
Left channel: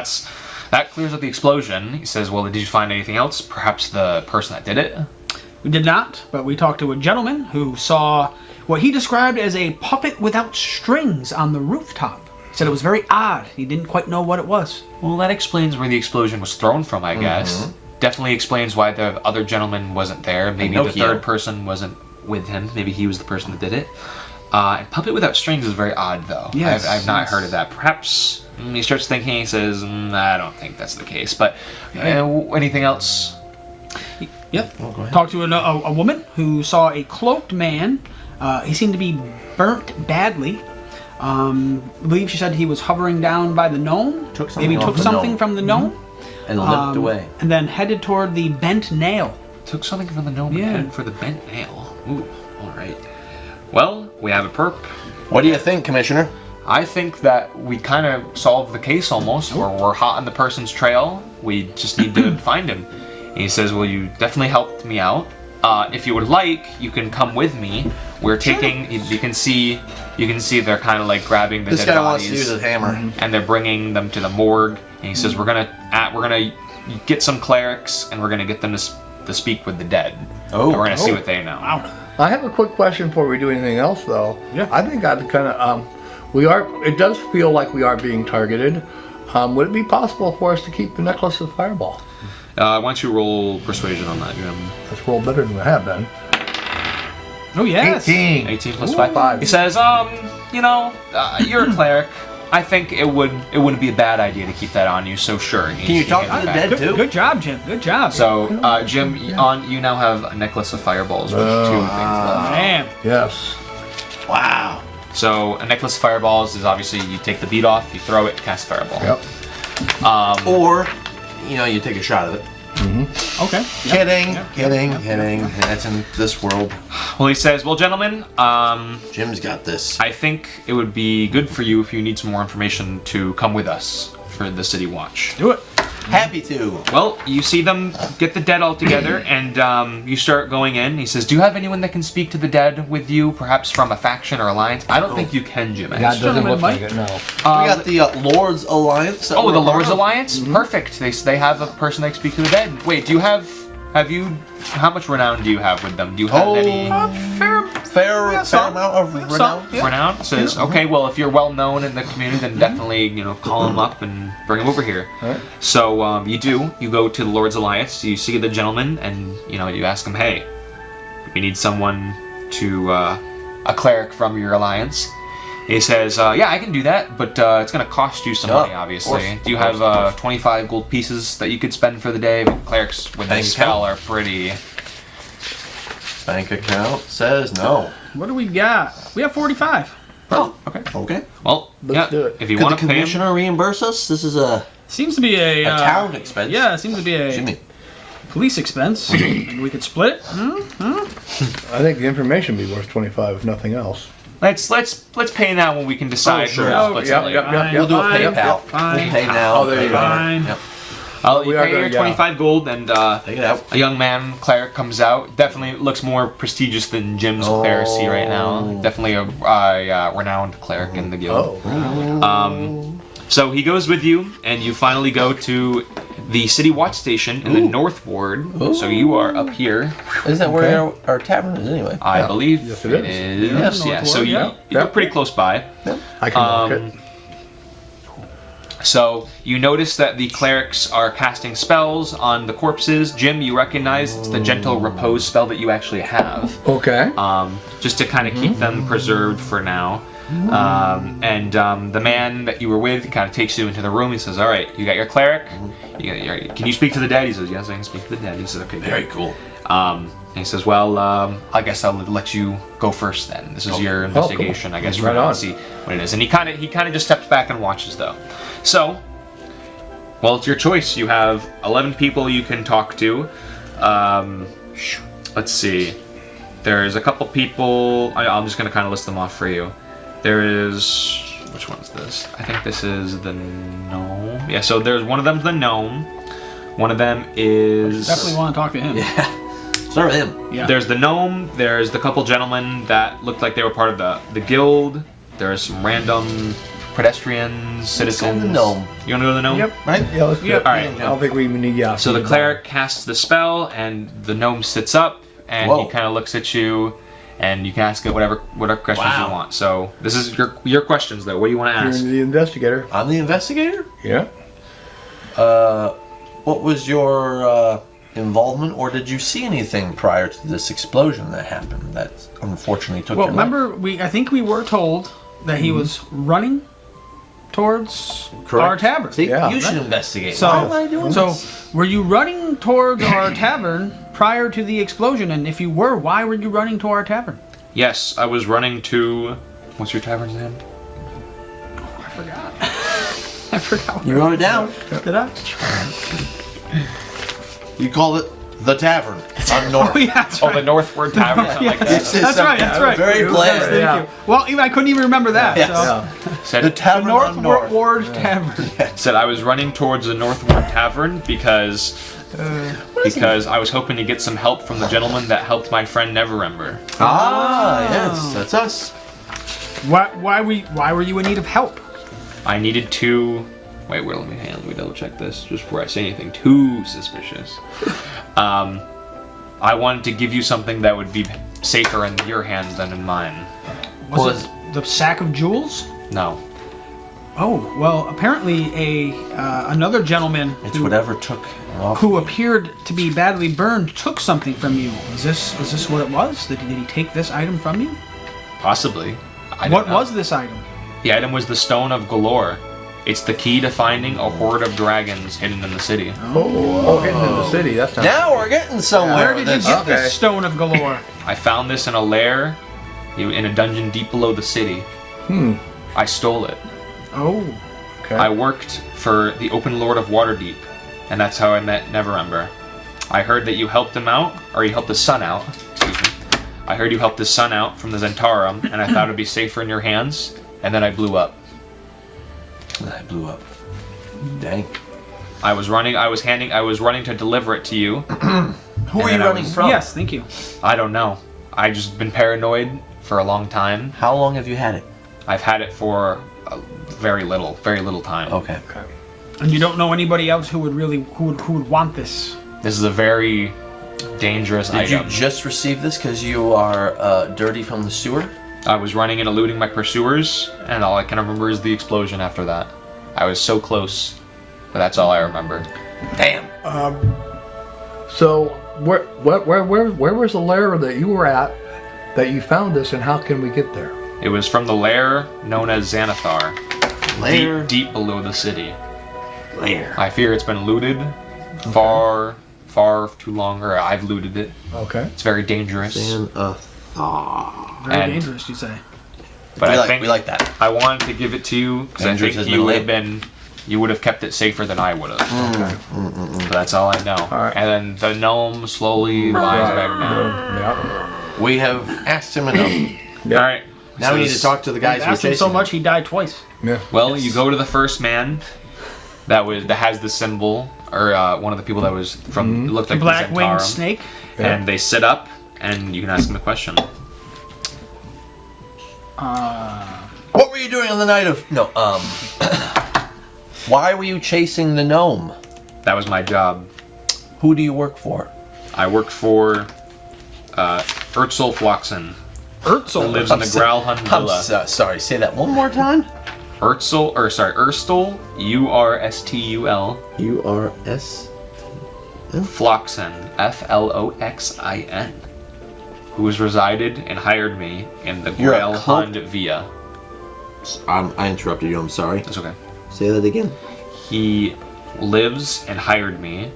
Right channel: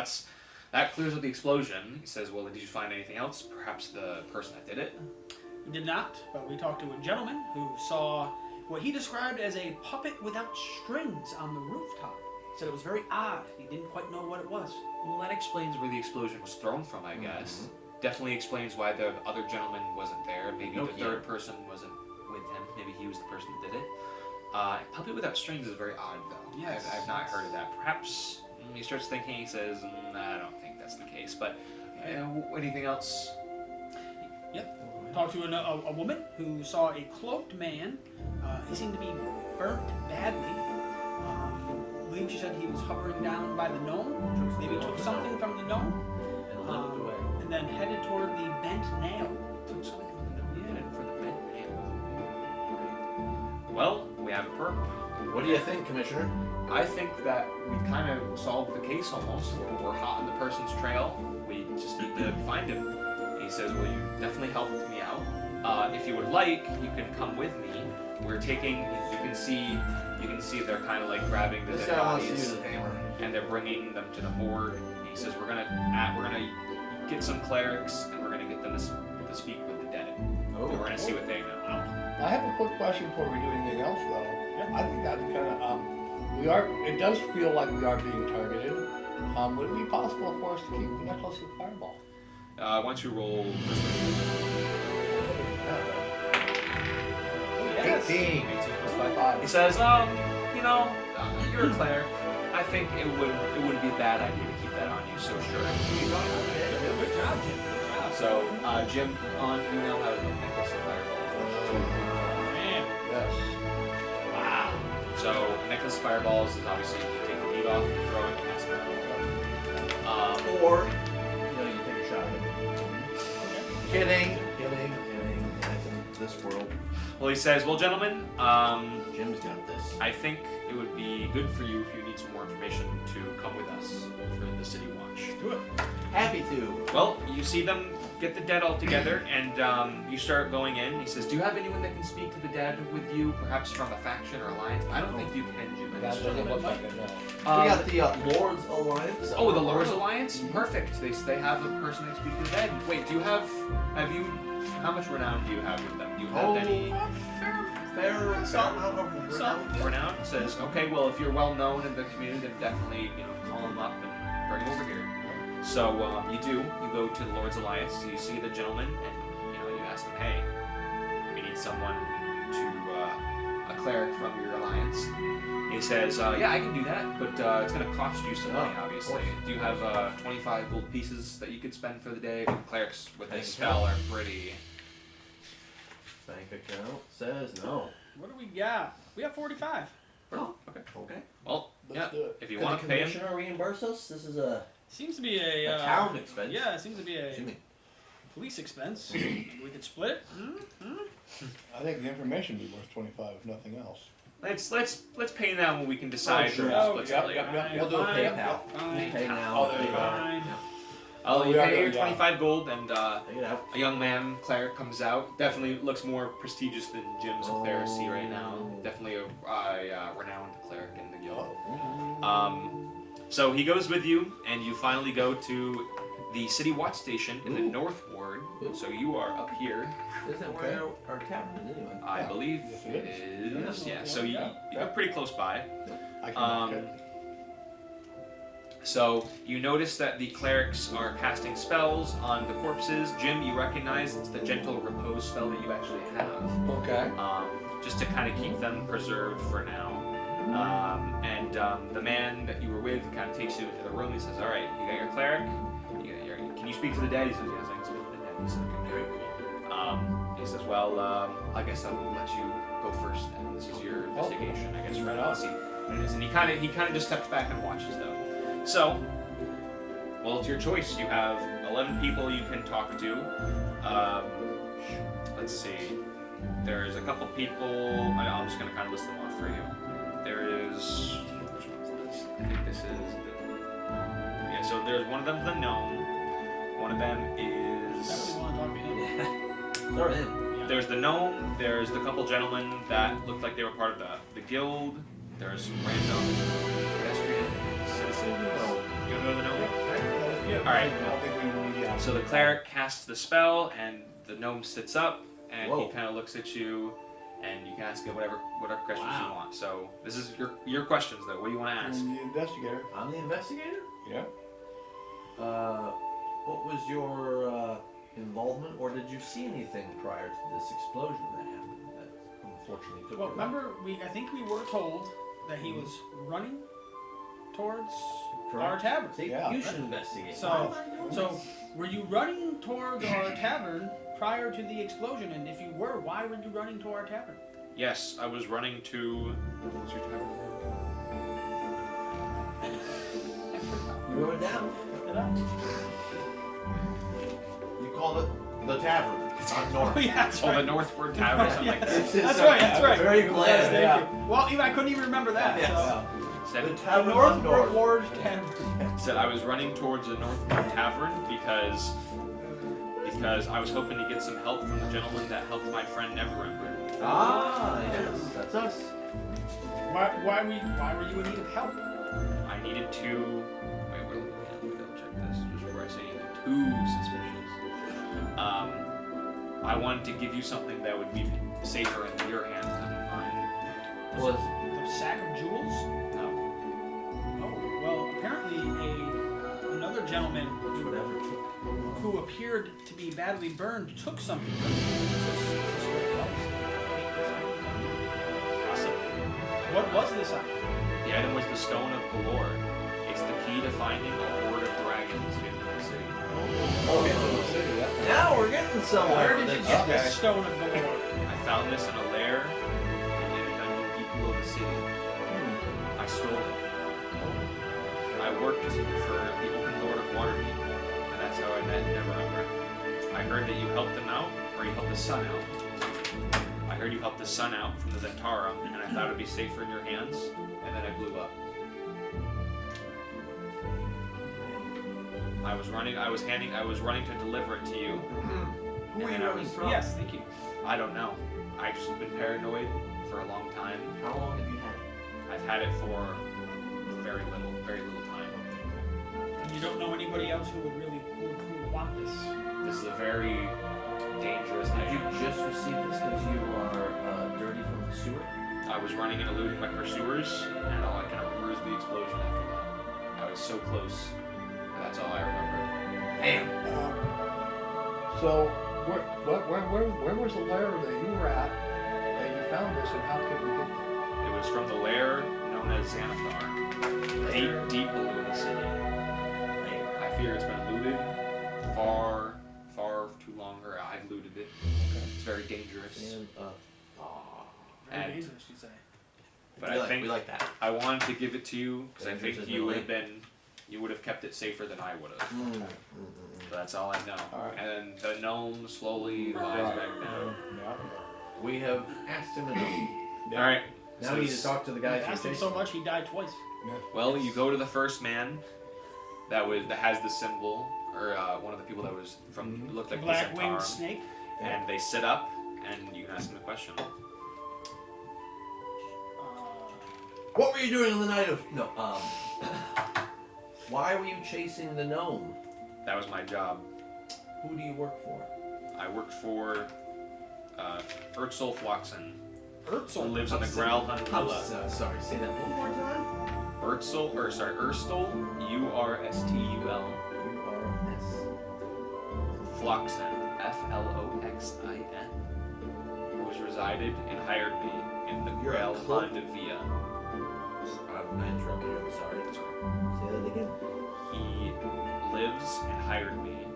that clears up the explosion." He says, "Well, did you find anything else? Perhaps the person that did it?" We did not, but we talked to a gentleman who saw what he described as a puppet without strings on the rooftop. He said it was very odd. He didn't quite know what it was. Well, that explains where the explosion was thrown from, I guess. definitely explains why the other gentleman wasn't there. Maybe the Pinocchio. third person wasn't with him. Maybe he was the person that did it. And puppet without strings is very odd, though. Yes, I've not yes. heard of that. Perhaps he starts thinking. He says, "I don't think that's the case." But anything else? Yep. Oh, go ahead. Talked to a woman who saw a cloaked man. He seemed to be burnt badly. I believe she said he was hovering down by the gnome. Took something Maybe off took the something gnome. from the gnome. And limped away. And then headed toward the bent nail. Took something from the gnome Yeah. and headed for the bent nail. Ooh, all right. Well, we have a perp. What do you think, Commissioner? I think that we kind of solved the case almost. We're hot on the person's trail. We just need to find him. And he says, "Well, you definitely helped me out. If you would like, you can come with me. We're taking. You can see they're kind of like grabbing the This dead guy wants to bodies, use his hammer. and they're bringing them to the morgue. And he says, we're gonna get some clerics, and we're gonna get them to speak with the dead. Oh. And we're gonna see what they know." Wow. I have a quick question before we do anything else, though. Yeah. I think I'd kind of, it does feel like we are being targeted. Would it be possible for us to keep the necklace of Fireball? Why don't you roll persuasion on that, Jim? That's a little better than I have been. Oh yes. 18. 18 plus Ooh, 5. five. He says, you're a cleric. I think it wouldn't be a bad idea to keep that on you. So sure. Can you talk to the dead, Good, too? good job, Jim. Good job. So, Jim, you now have a necklace of fireballs with 2 things left. Damn. Yes. Wow. So, a necklace of fireballs is obviously you take the bead off, you throw it, cast fireball. Yep. Or, you take a shot of it. Okay. Kidding. That's in this world. Well, he says, well, gentlemen, Jim's got this. I think it would be good for you if you need some more information to come with us for the city watch. Do it. Happy to. Well, you see them get the dead all together, and you start going in. He says, do you have anyone that can speak to the dead with you, perhaps from a faction or alliance? I don't think you can, Jim. That doesn't Gentlemen, look like Mike. it, no. We got the Lord's Alliance. that Oh, we're the a part Lord's of. Alliance? Perfect. They have a person that can speak to the dead. Wait, how much renown do you have with them? Do you have any Fair some. amount of renown. renown? Says, okay, well, if you're well known in the community, then definitely, call them up and bring them over here. Alright. So you go to the Lord's Alliance, you see the gentleman, and you ask him, hey, we need someone to a cleric from your alliance. He says, yeah, I can do that, but it's going to cost you some Yeah, money, of obviously. course, Do you of have 25 gold pieces that you could spend for the day? Clerics with Bank this spell account? are pretty... Bank account says no. What do we got? We have 45. Oh, okay. Okay. Well, Let's do it. if you Could the want to pay him... commissioner reimburse us? This is a Seems to be a town expense. Yeah, it seems to be a Jimmy. police expense. Maybe we could split it. I think the information would be worth 25 if nothing else. Let's pay now when we can decide. Oh, sure. who Oh, splits yep, it later. yep, yep. We'll do a Fine, PayPal. fine. We'll pay now. Oh, there you go. Fine. Yep. You We are pay gonna- your yeah. 25 gold, and Take it out. a young man cleric comes out. Definitely looks more prestigious than Jim's clericy right now. Definitely a renowned cleric in the guild. Oh. So he goes with you, and you finally go to the city watch station in the North Ward. So you are up here. Isn't that where our tavern is anyway? I Yeah. believe Yes, it it is. is. Yeah, Yeah, North so Ward, you, yeah. you're pretty close by. I can mark it. So you notice that the clerics are casting spells on the corpses. Jim, you recognize it's the gentle repose spell that you actually have, Okay. just to kind of keep them preserved for now. The man that you were with kind of takes you into the room. He says, "All right, you got your cleric. Can you speak to the dead?" He says, "Yes, I can speak to the dead." He says, "Okay, Very great." cool. And he says, "Well, I guess I'll let you go first then. This is your investigation. I guess Right we're on. gonna see what it is." And he kind of just steps back and watches though. So, well, it's your choice. You have 11 people you can talk to. Let's see. There's a couple people. I'm just gonna kind of list them off for you. There is. Which one's this? I think this is the gnome. Yeah. So there's one of them's the gnome. One of them is. Definitely want to talk to him. Yeah. Start with him. Yeah. There's the gnome. There's the couple gentlemen that looked like they were part of the guild. There's some random pedestrians, citizens. the gnome. You wanna go to the gnome? Yep. Right? Yeah, let's do Yep. it. All right. I don't think we even need, yeah. So the cleric casts the spell, and the gnome sits up, and Whoa. he kind of looks at you, and you can ask it whatever questions Wow. you want. So this is your questions, though. What do you want to You're ask? the investigator. I'm the investigator. Yeah. What was your involvement, or did you see anything prior to this explosion that happened that unfortunately took Well, your life? remember, I think we were told that he was running towards Correct. our tavern. See, Yeah. you should investigate. So, Why am I doing so this? were you running towards our tavern prior to the explosion? And if you were, why were you running to our tavern? Yes, I was running to. What's your tavern's name? I forgot. I forgot. You wrote it down. Did I? You call it the Tavern on North. Oh, yeah, that's Oh, right. the Northward Tavern, something like that. That's right. That's right. Very bland. Thank Yeah. you. Well, even I couldn't even remember that. Yes. So. Said, The The Tavern on North North. Ward Tavern. said I was running towards the Northward Tavern because I was hoping to get some help from the gentleman that helped my friend Neverember. Ah, yes, that's us. Why were you in need of help? I needed to. Wait, let me double check this just before I say anything too suspicious. I wanted to give you something that would be safer in your hands than in mine. Was it the sack of jewels? No. Oh, well, apparently another gentleman It's whatever took off. who appeared to be badly burned took something from you. Is this what it was? Did he take this item from you? Possibly. I don't What know. was this item? The item was the Stone of Galore. It's the key to finding a horde of dragons hidden in the city. Oh, hitting in the city. That's not. Now we're getting somewhere. Where did you with get this. this stone of galore? I found this in a lair in a dungeon deep below the city. I stole it. Oh, Okay. I worked for the Open Lord of Waterdeep, and that's how I met Neverember. I heard that you helped him out, or you helped the sun out. Excuse me. I heard you helped the sun out from the Zentarum, and I thought it'd be safer in your hands, and then I blew up. I blew up. Dang. I was running to deliver it to you. Who are you then I running was- from? yes, thank you. I don't know. I just been paranoid for a long time. How long have you had it? I've had it for very little time. Okay. And you don't know anybody else who would want this? This is a very dangerous Did you item. just receive this because you are dirty from the sewer? I was running and eluding my pursuers, and all I can remember is the explosion after that. I was so close, but that's all I remember. Damn. So where was the lair that you were at that you found this, and how can we get there? It was from the lair known as Xanathar, Lair. deep below the city. Lair. I fear it's been looted far too long, or I've looted it. Okay. It's very dangerous. Very And- dangerous, you say. But I think we like that. I wanted to give it to you because I Dangerous think has you been would have kept it safer than I would have. Okay. But that's all I know. right. And then the gnome slowly lies back down. Yeah. We have asked him enough. All right. Now we need to talk to the guys who are Asked him chasing so much he died twice. Yeah. Well, you go to the first man that has the symbol, or one of the people that was from looked like Black the winged Zentarum, snake. and they sit up, and you can ask them a question. What were you doing on the night of... No, Why were you chasing the gnome? That was my job. Who do you work for? I worked for Urtzel Floxen, who Urtzel. lives in the Growlhund I'm Villa. sorry, say that one more time. Urstul, Urstul, U-R-S... Floxen, Floxin, who has resided and hired me in the You're a Growlhund Villa. I interrupted you, I'm sorry. That's okay. Say that again. He lives and hired me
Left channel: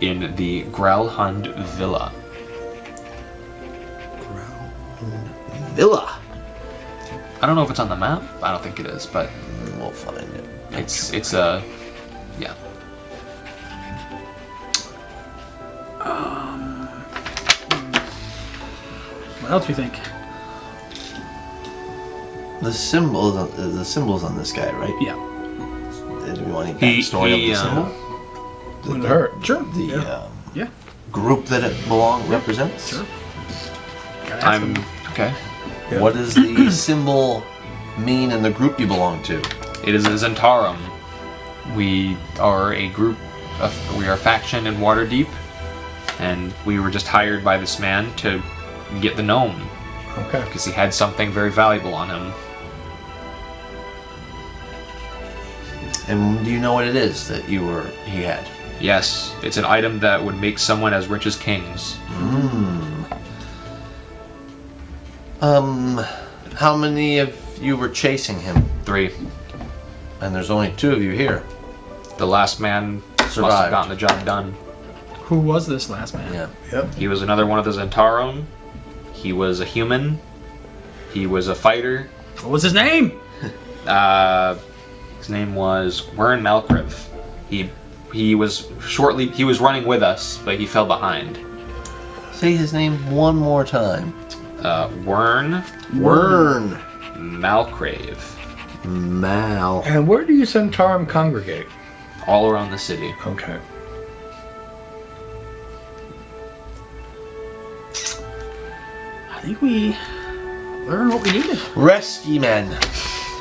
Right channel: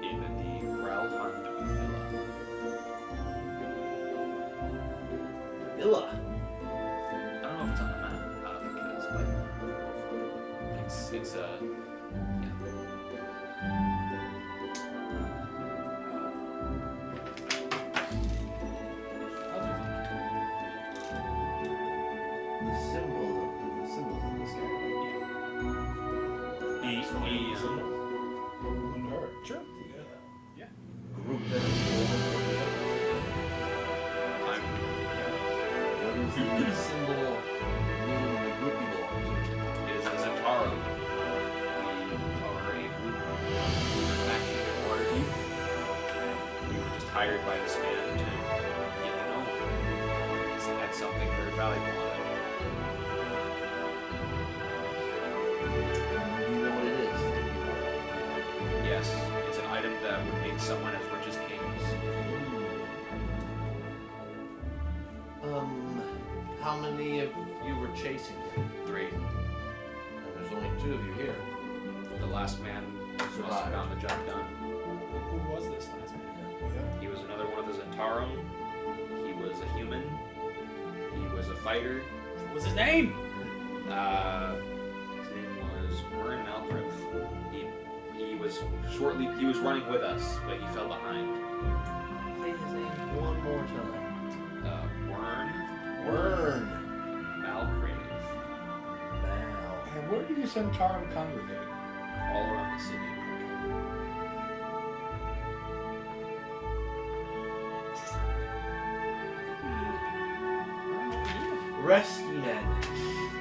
in the Growlhund Villa. Villa. I don't know if it's on the map. I don't think it is, but We'll find it. it's a yeah. What else do you think? The symbol's on this guy, right? Yeah. Do we want to He- get the story he, of the symbol? Wouldn't hurt. Sure. The Yeah. group that it represents? Sure. I'm okay. Yeah. What does the symbol mean in the group you belong to? It is a Zentarum. We are a group we are a faction in Waterdeep, and we were just hired by this man to get the gnome Okay. because he had something very valuable on him. And do you know what it is that he had? Yes, it's an item that would make someone as rich as kings. How many of you were chasing him? 3. And there's only 2 of you here. The last man must Survived. have gotten the job done. Who was this last man? Yeah. Yep. He was another one of the Zentarum. He was a human. He was a fighter. What was his name? His name was Wern Malcriv. He was running with us, but he fell behind. Say his name one more time. Wern Wern Malcriv. Mal. And where do you Centarum congregate? All around the city. Okay. I think we learned what we needed. Rescue men.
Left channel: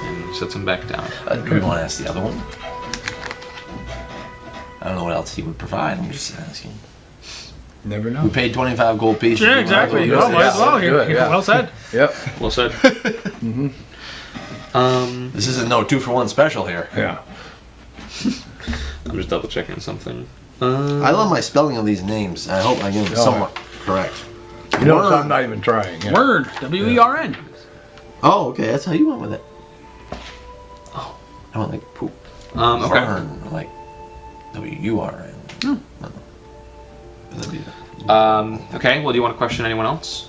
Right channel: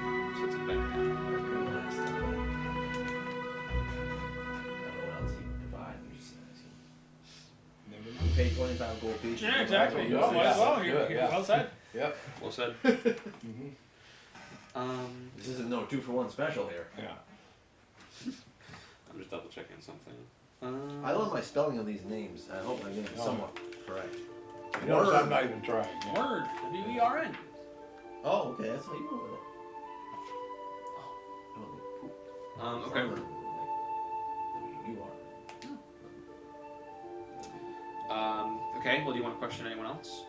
And sets him back down. Do we want to ask the other one? I don't know what else he would provide. I'm just asking. Never know. We paid 25 gold pieces. Yeah, exactly. Yeah, Oh, might as well. yeah, Here. yeah. Well said. Yep. Well said. This isn't no 2-for-1 special here. Yeah. I'm just double checking something. I love my spelling of these names. I hope I get them somewhat correct. You know, Wern. I'm not even trying. Yeah. Word. W-E-R-N. Oh, okay. That's how you went with it. Oh, I went like poop. Okay. Wern, like W-U-R-N. Okay. Well, do you want to question anyone else?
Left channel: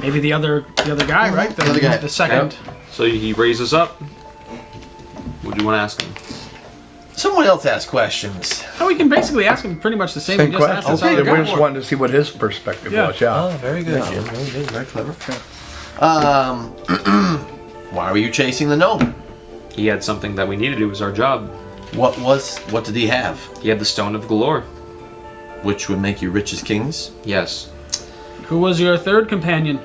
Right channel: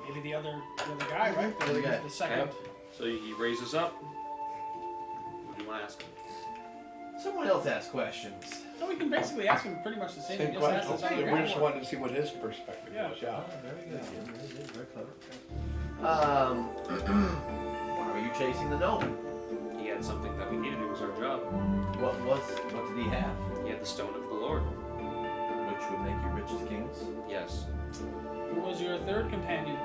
Maybe the other guy, right? The other guy. The second. So he raises up. What do you want to ask him? Someone else ask questions. Oh, we can basically ask him pretty much the same. Same we just asked question. this Okay, other We guy. just wanted to see what his perspective was. Yeah. Oh, very good, Jim. Very good. Very clever. Why were you chasing the gnome? He had something that we needed. It was our job. What did he have? He had the Stone of Galore. Which would make you rich as kings? Yes. Who was your third companion?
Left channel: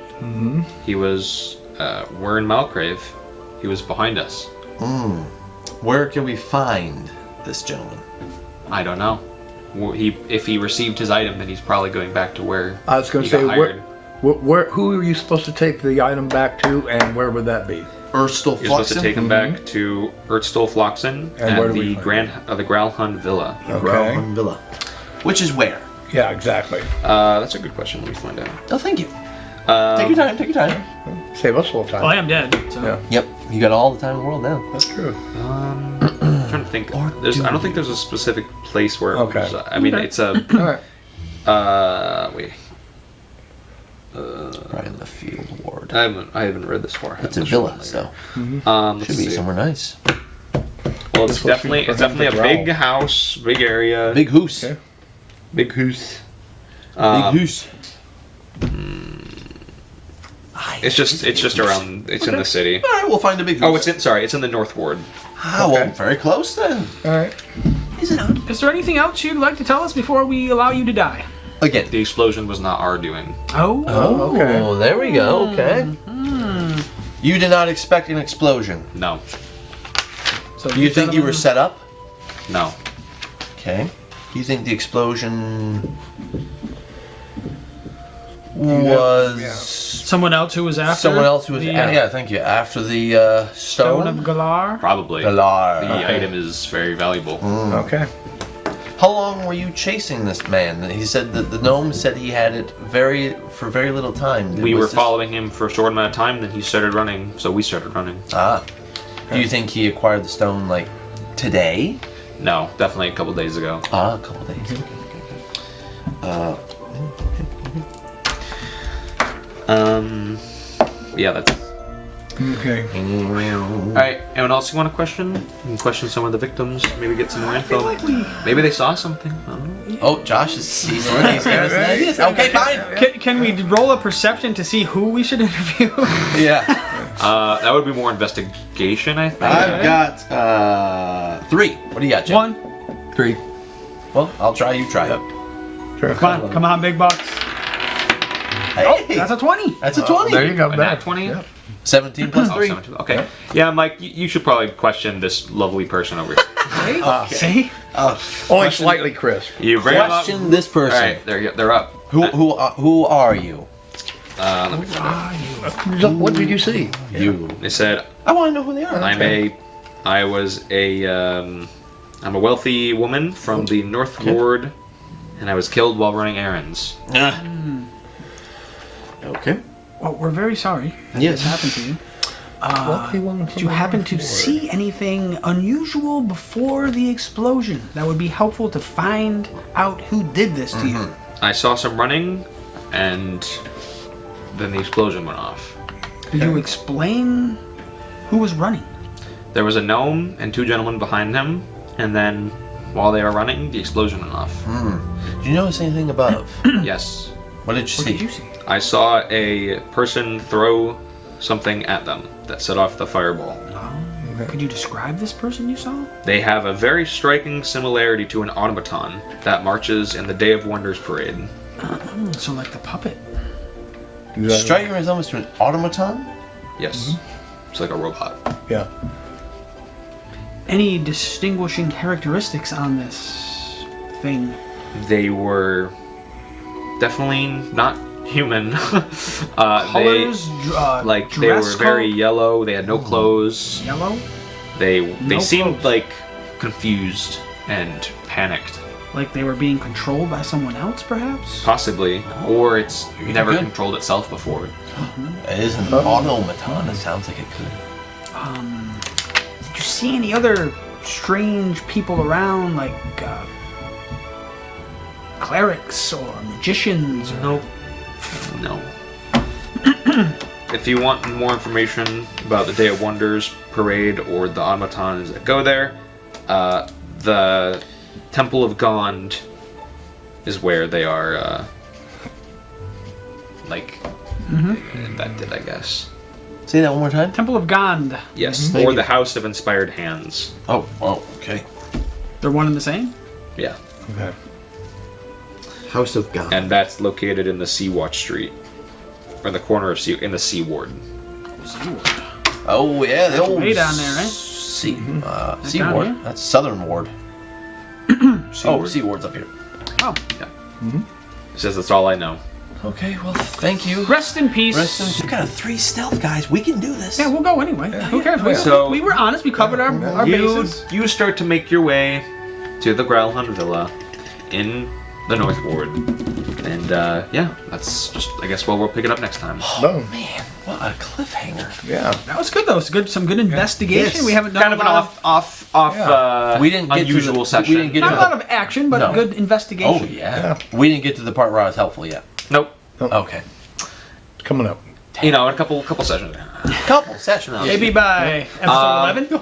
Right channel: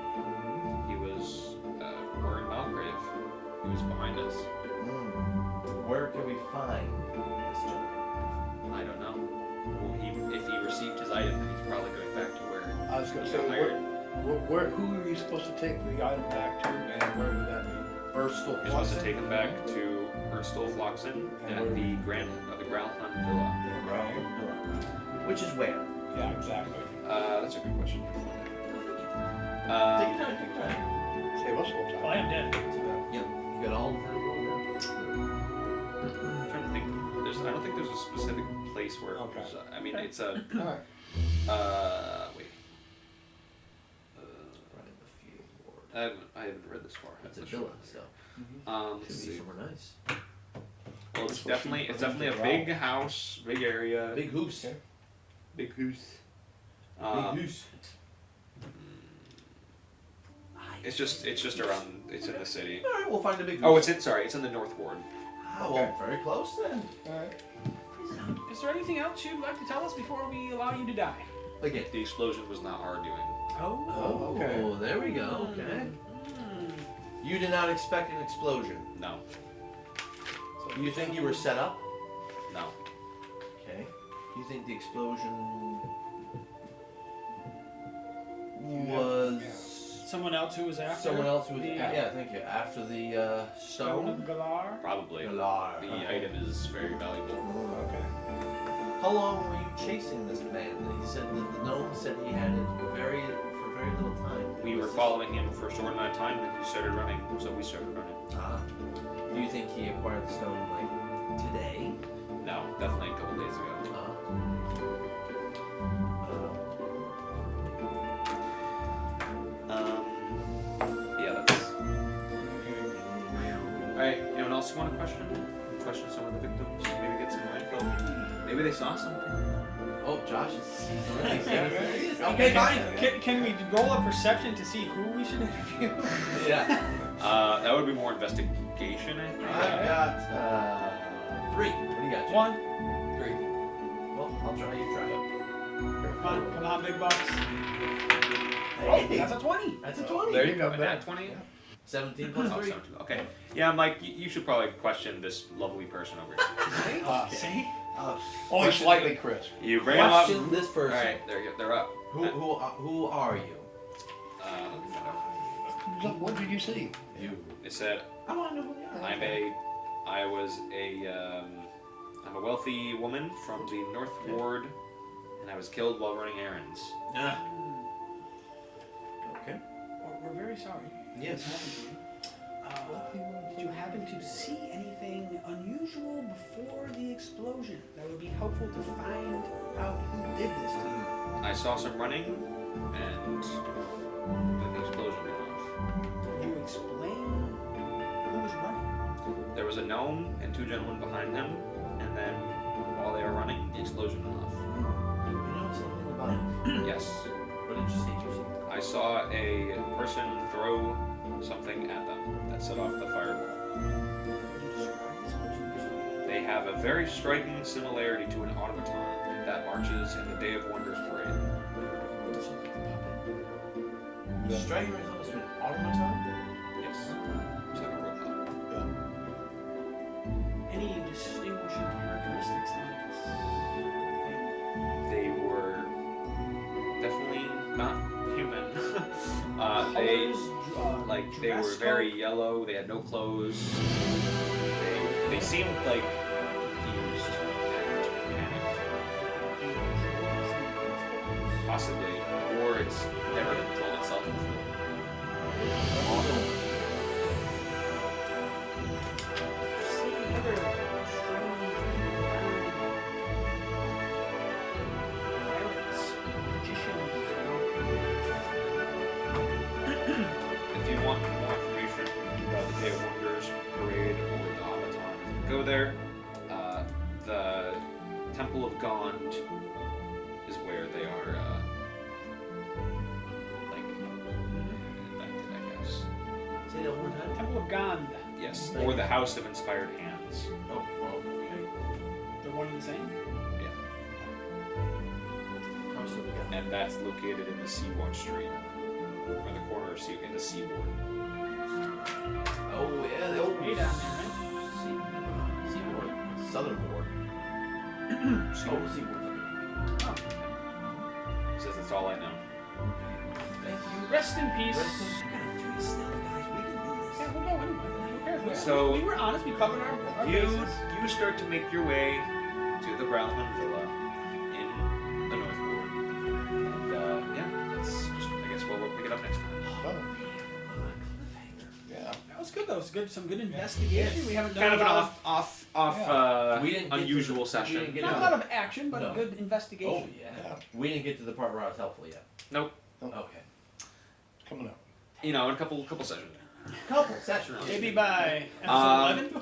He was Wern Malcriv. He was behind us. Where can we find this gentleman? I don't know. If he received his item, then he's probably going back to where I was going he to say, got hired. who are you supposed to take the item back to, and where would that be? Erstal You're supposed to take him Mm-hmm. back to Ertstol Floxen And where at do we the find the Growlhund Villa. Okay. Villa. Which is where? Yeah, exactly. That's a good question. Let me find out. Oh, thank you. Take your time. Take your time. Save us a little time. Well, I am dead. So. Yeah, Yep. You got all the time in the world now. that's true. I'm trying to think. I don't think there's a specific place where. Okay. It was, I mean, Okay. it's a. All right. Wait. Right in the field ward. I haven't read this far. It's a villa, so Let's should be see. somewhere nice. Well, it's supposed to be definitely a for him to big growl. house, big area, Big hoose. Okay. big house. Big hoose. It's just around. It's in the city. All right, we'll find a big hoose. Oh, it's in the North Ward. Ah, well, very close then. All right. Is it not? Is there anything else you'd like to tell us before we allow you to die? Again. The explosion was not our doing. Oh. Oh, okay. there we go. Okay. You did not expect an explosion. No, So Do you think you were set up? no. Okay. Do you think the explosion Yeah. was someone else who was after? someone else who was? the, Yeah, thank you. After the Stone of stone. Galar? Probably. Galar. The Okay. item is very valuable. Okay. How long were you chasing this man? He said that the gnome said he had it for very little time. We Was were this- following him for a short amount of time, then he started running, so we started running. Ah. Do you think he acquired the stone like today? No, definitely a couple days ago. Ah, a couple days. Yeah, that's. Okay. Alright, anyone else you want to question? You can question some of the victims, maybe get some more info. Maybe they saw something. I don't know. Oh, Josh is he's already giving us an idea. Okay, fine. Can we roll a perception to see who we should interview? Yeah. That would be more investigation, I think. I've got 3. What do you got, Jim? 1. 3. Well, I'll try. You try. Sure. Come on, big bucks. Hey, That's a 20. that's a 20. There you go. A Better. nat 20? Yeah. 17 plus Oh, 3. 17. Okay. Yeah, Mike, you should probably question this lovely person over here. See? See? Only slightly crisp. You bring them up. Question this person. Alright, they're up. Who are you? Let me find out. What did you see? You. They said, I want to know who they are. I'm a I was I'm a wealthy woman from the North Ward, and I was killed while running errands. Okay. Well, we're very sorry Yes. this happened to you. Wealthy woman Did from you the happen North to Ward. see anything unusual before the explosion that would be helpful to find out who did this to you? I saw some running, and then the explosion went off. Did you explain who was running? There was a gnome and 2 gentlemen behind him, and then while they were running, the explosion went off. Did you notice anything above? Yes. What did you What see? did you see? I saw a person throw something at them that set off the fireball. Could you describe this person you saw? They have a very striking similarity to an automaton that marches in the Day of Wonders parade. So like the puppet. You got- Striking resemblance to an automaton? Yes. It's like a robot. Yeah. Any distinguishing characteristics on this thing? They were definitely not human. Colors, They were dress very code? yellow. They had no clothes. Yellow? They No seemed clothes. like confused and panicked, Like they were being controlled by someone else, perhaps? possibly, or it's never good. controlled itself before. It is an automaton. It sounds like it could. Did you see any other strange people around, like clerics or magicians? No. No. If you want more information about the Day of Wonders parade or the automatons that go there, the Temple of Gond is where they are, invented, I guess. Say that one more time. Temple of Gond. Yes, Thank or you. the House of Inspired Hands. Oh, okay. They're one and the same? Yeah, Okay. House of God. and that's located in the Sea-Watch Street, or in the corner of in the Sea Ward. Oh yeah, the old way down there, right? Sea, down Sea Ward. here? That's Southern Ward. Ward. Sea Ward's up here. Oh. He says that's all I know. Okay, well, thank you. Rest in peace. We've got 3 stealth guys. We can do this. Yeah, we'll go anyway. Who cares? So- We were honest. We covered our bases. You start to make your way to the Growlhound Villa in the North Ward. And yeah, that's just, I guess, we'll pick it up next time. Boom. Man, what a cliffhanger. Yeah. That was good though. It's good. Some good investigation. Yes. We haven't done Kind of an a lot off We didn't get unusual to the, session. We didn't get not to a the, lot of action, but No. a good investigation. Oh yeah. We didn't get to the part where I was helpful yet. Nope. Okay. Coming up. You know, in a couple sessions. Couple sessions. Maybe by episode 11.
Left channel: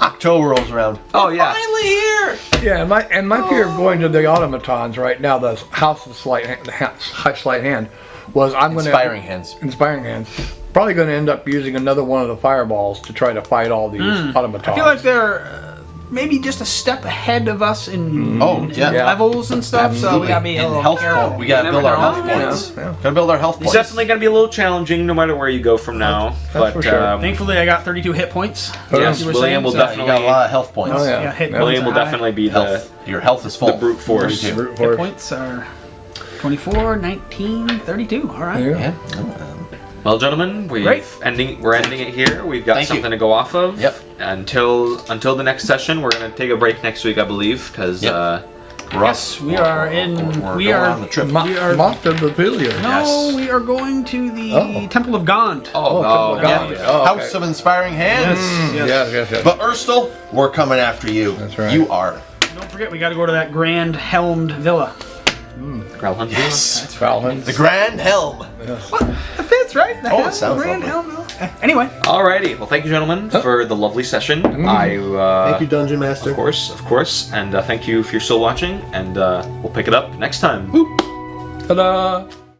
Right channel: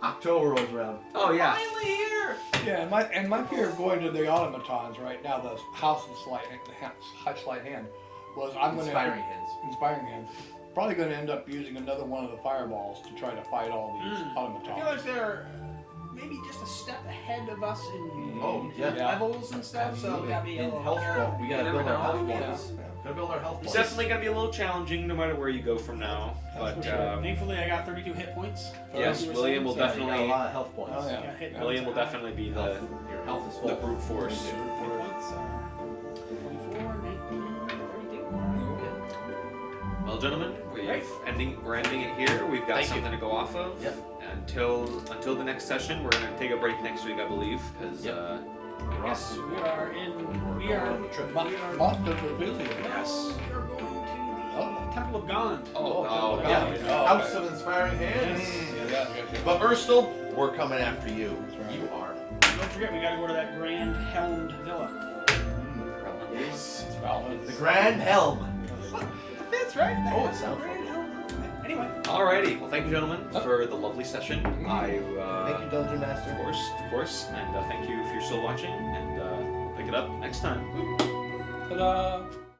October rolls around. Oh yeah. Finally here. Yeah, and my fear of going to the automatons right now, the House of Sleight Hand, was I'm going to Inspiring hands. Inspiring Hands. Probably going to end up using another one of the fireballs to try to fight all these automatons. I feel like they're maybe just a step ahead of us in, Oh, in yeah. levels and stuff. So we gotta be a And little health careful. point. We gotta build our never health know. points. Yeah. Gotta build our health It's points. definitely going to be a little challenging no matter where you go from now. That's for sure. Thankfully, I got 32 hit points. Yes, You were William saying, will so- You definitely. got a lot of health points. Oh, yeah. Yeah, hit Yeah. points William will are high. definitely be Health. Your health is full. the brute force. Me too. Brute Hit force. points are 24, 19, 32. All right. Yeah. Yeah. Well, gentlemen, Great. we're ending it here. We've got Thank you. something to go off of. Yep. Until the next session, we're gonna take a break next week, I believe, because Yep. Yes, we are in. We're We going are. on the trip. We are. Moth of the Villiers. No, Yes. we are going to the Oh. Temple of Gond. oh, God. yeah. Oh, okay. House of Inspiring Hands. Yes. But Urstel, we're coming after you. That's right. You are. Don't forget, we got to go to that grand helmed villa. Growlhound. Yes. Falcons. The Grand Helm. It fits, right? The Oh, it helm, sounds grand lovely. helm. Anyway, Alrighty. Well, thank you, gentlemen, for the lovely session. Thank you, Dungeon Master. Of course, and thank you if you're still watching. And we'll pick it up next time. Ta-da!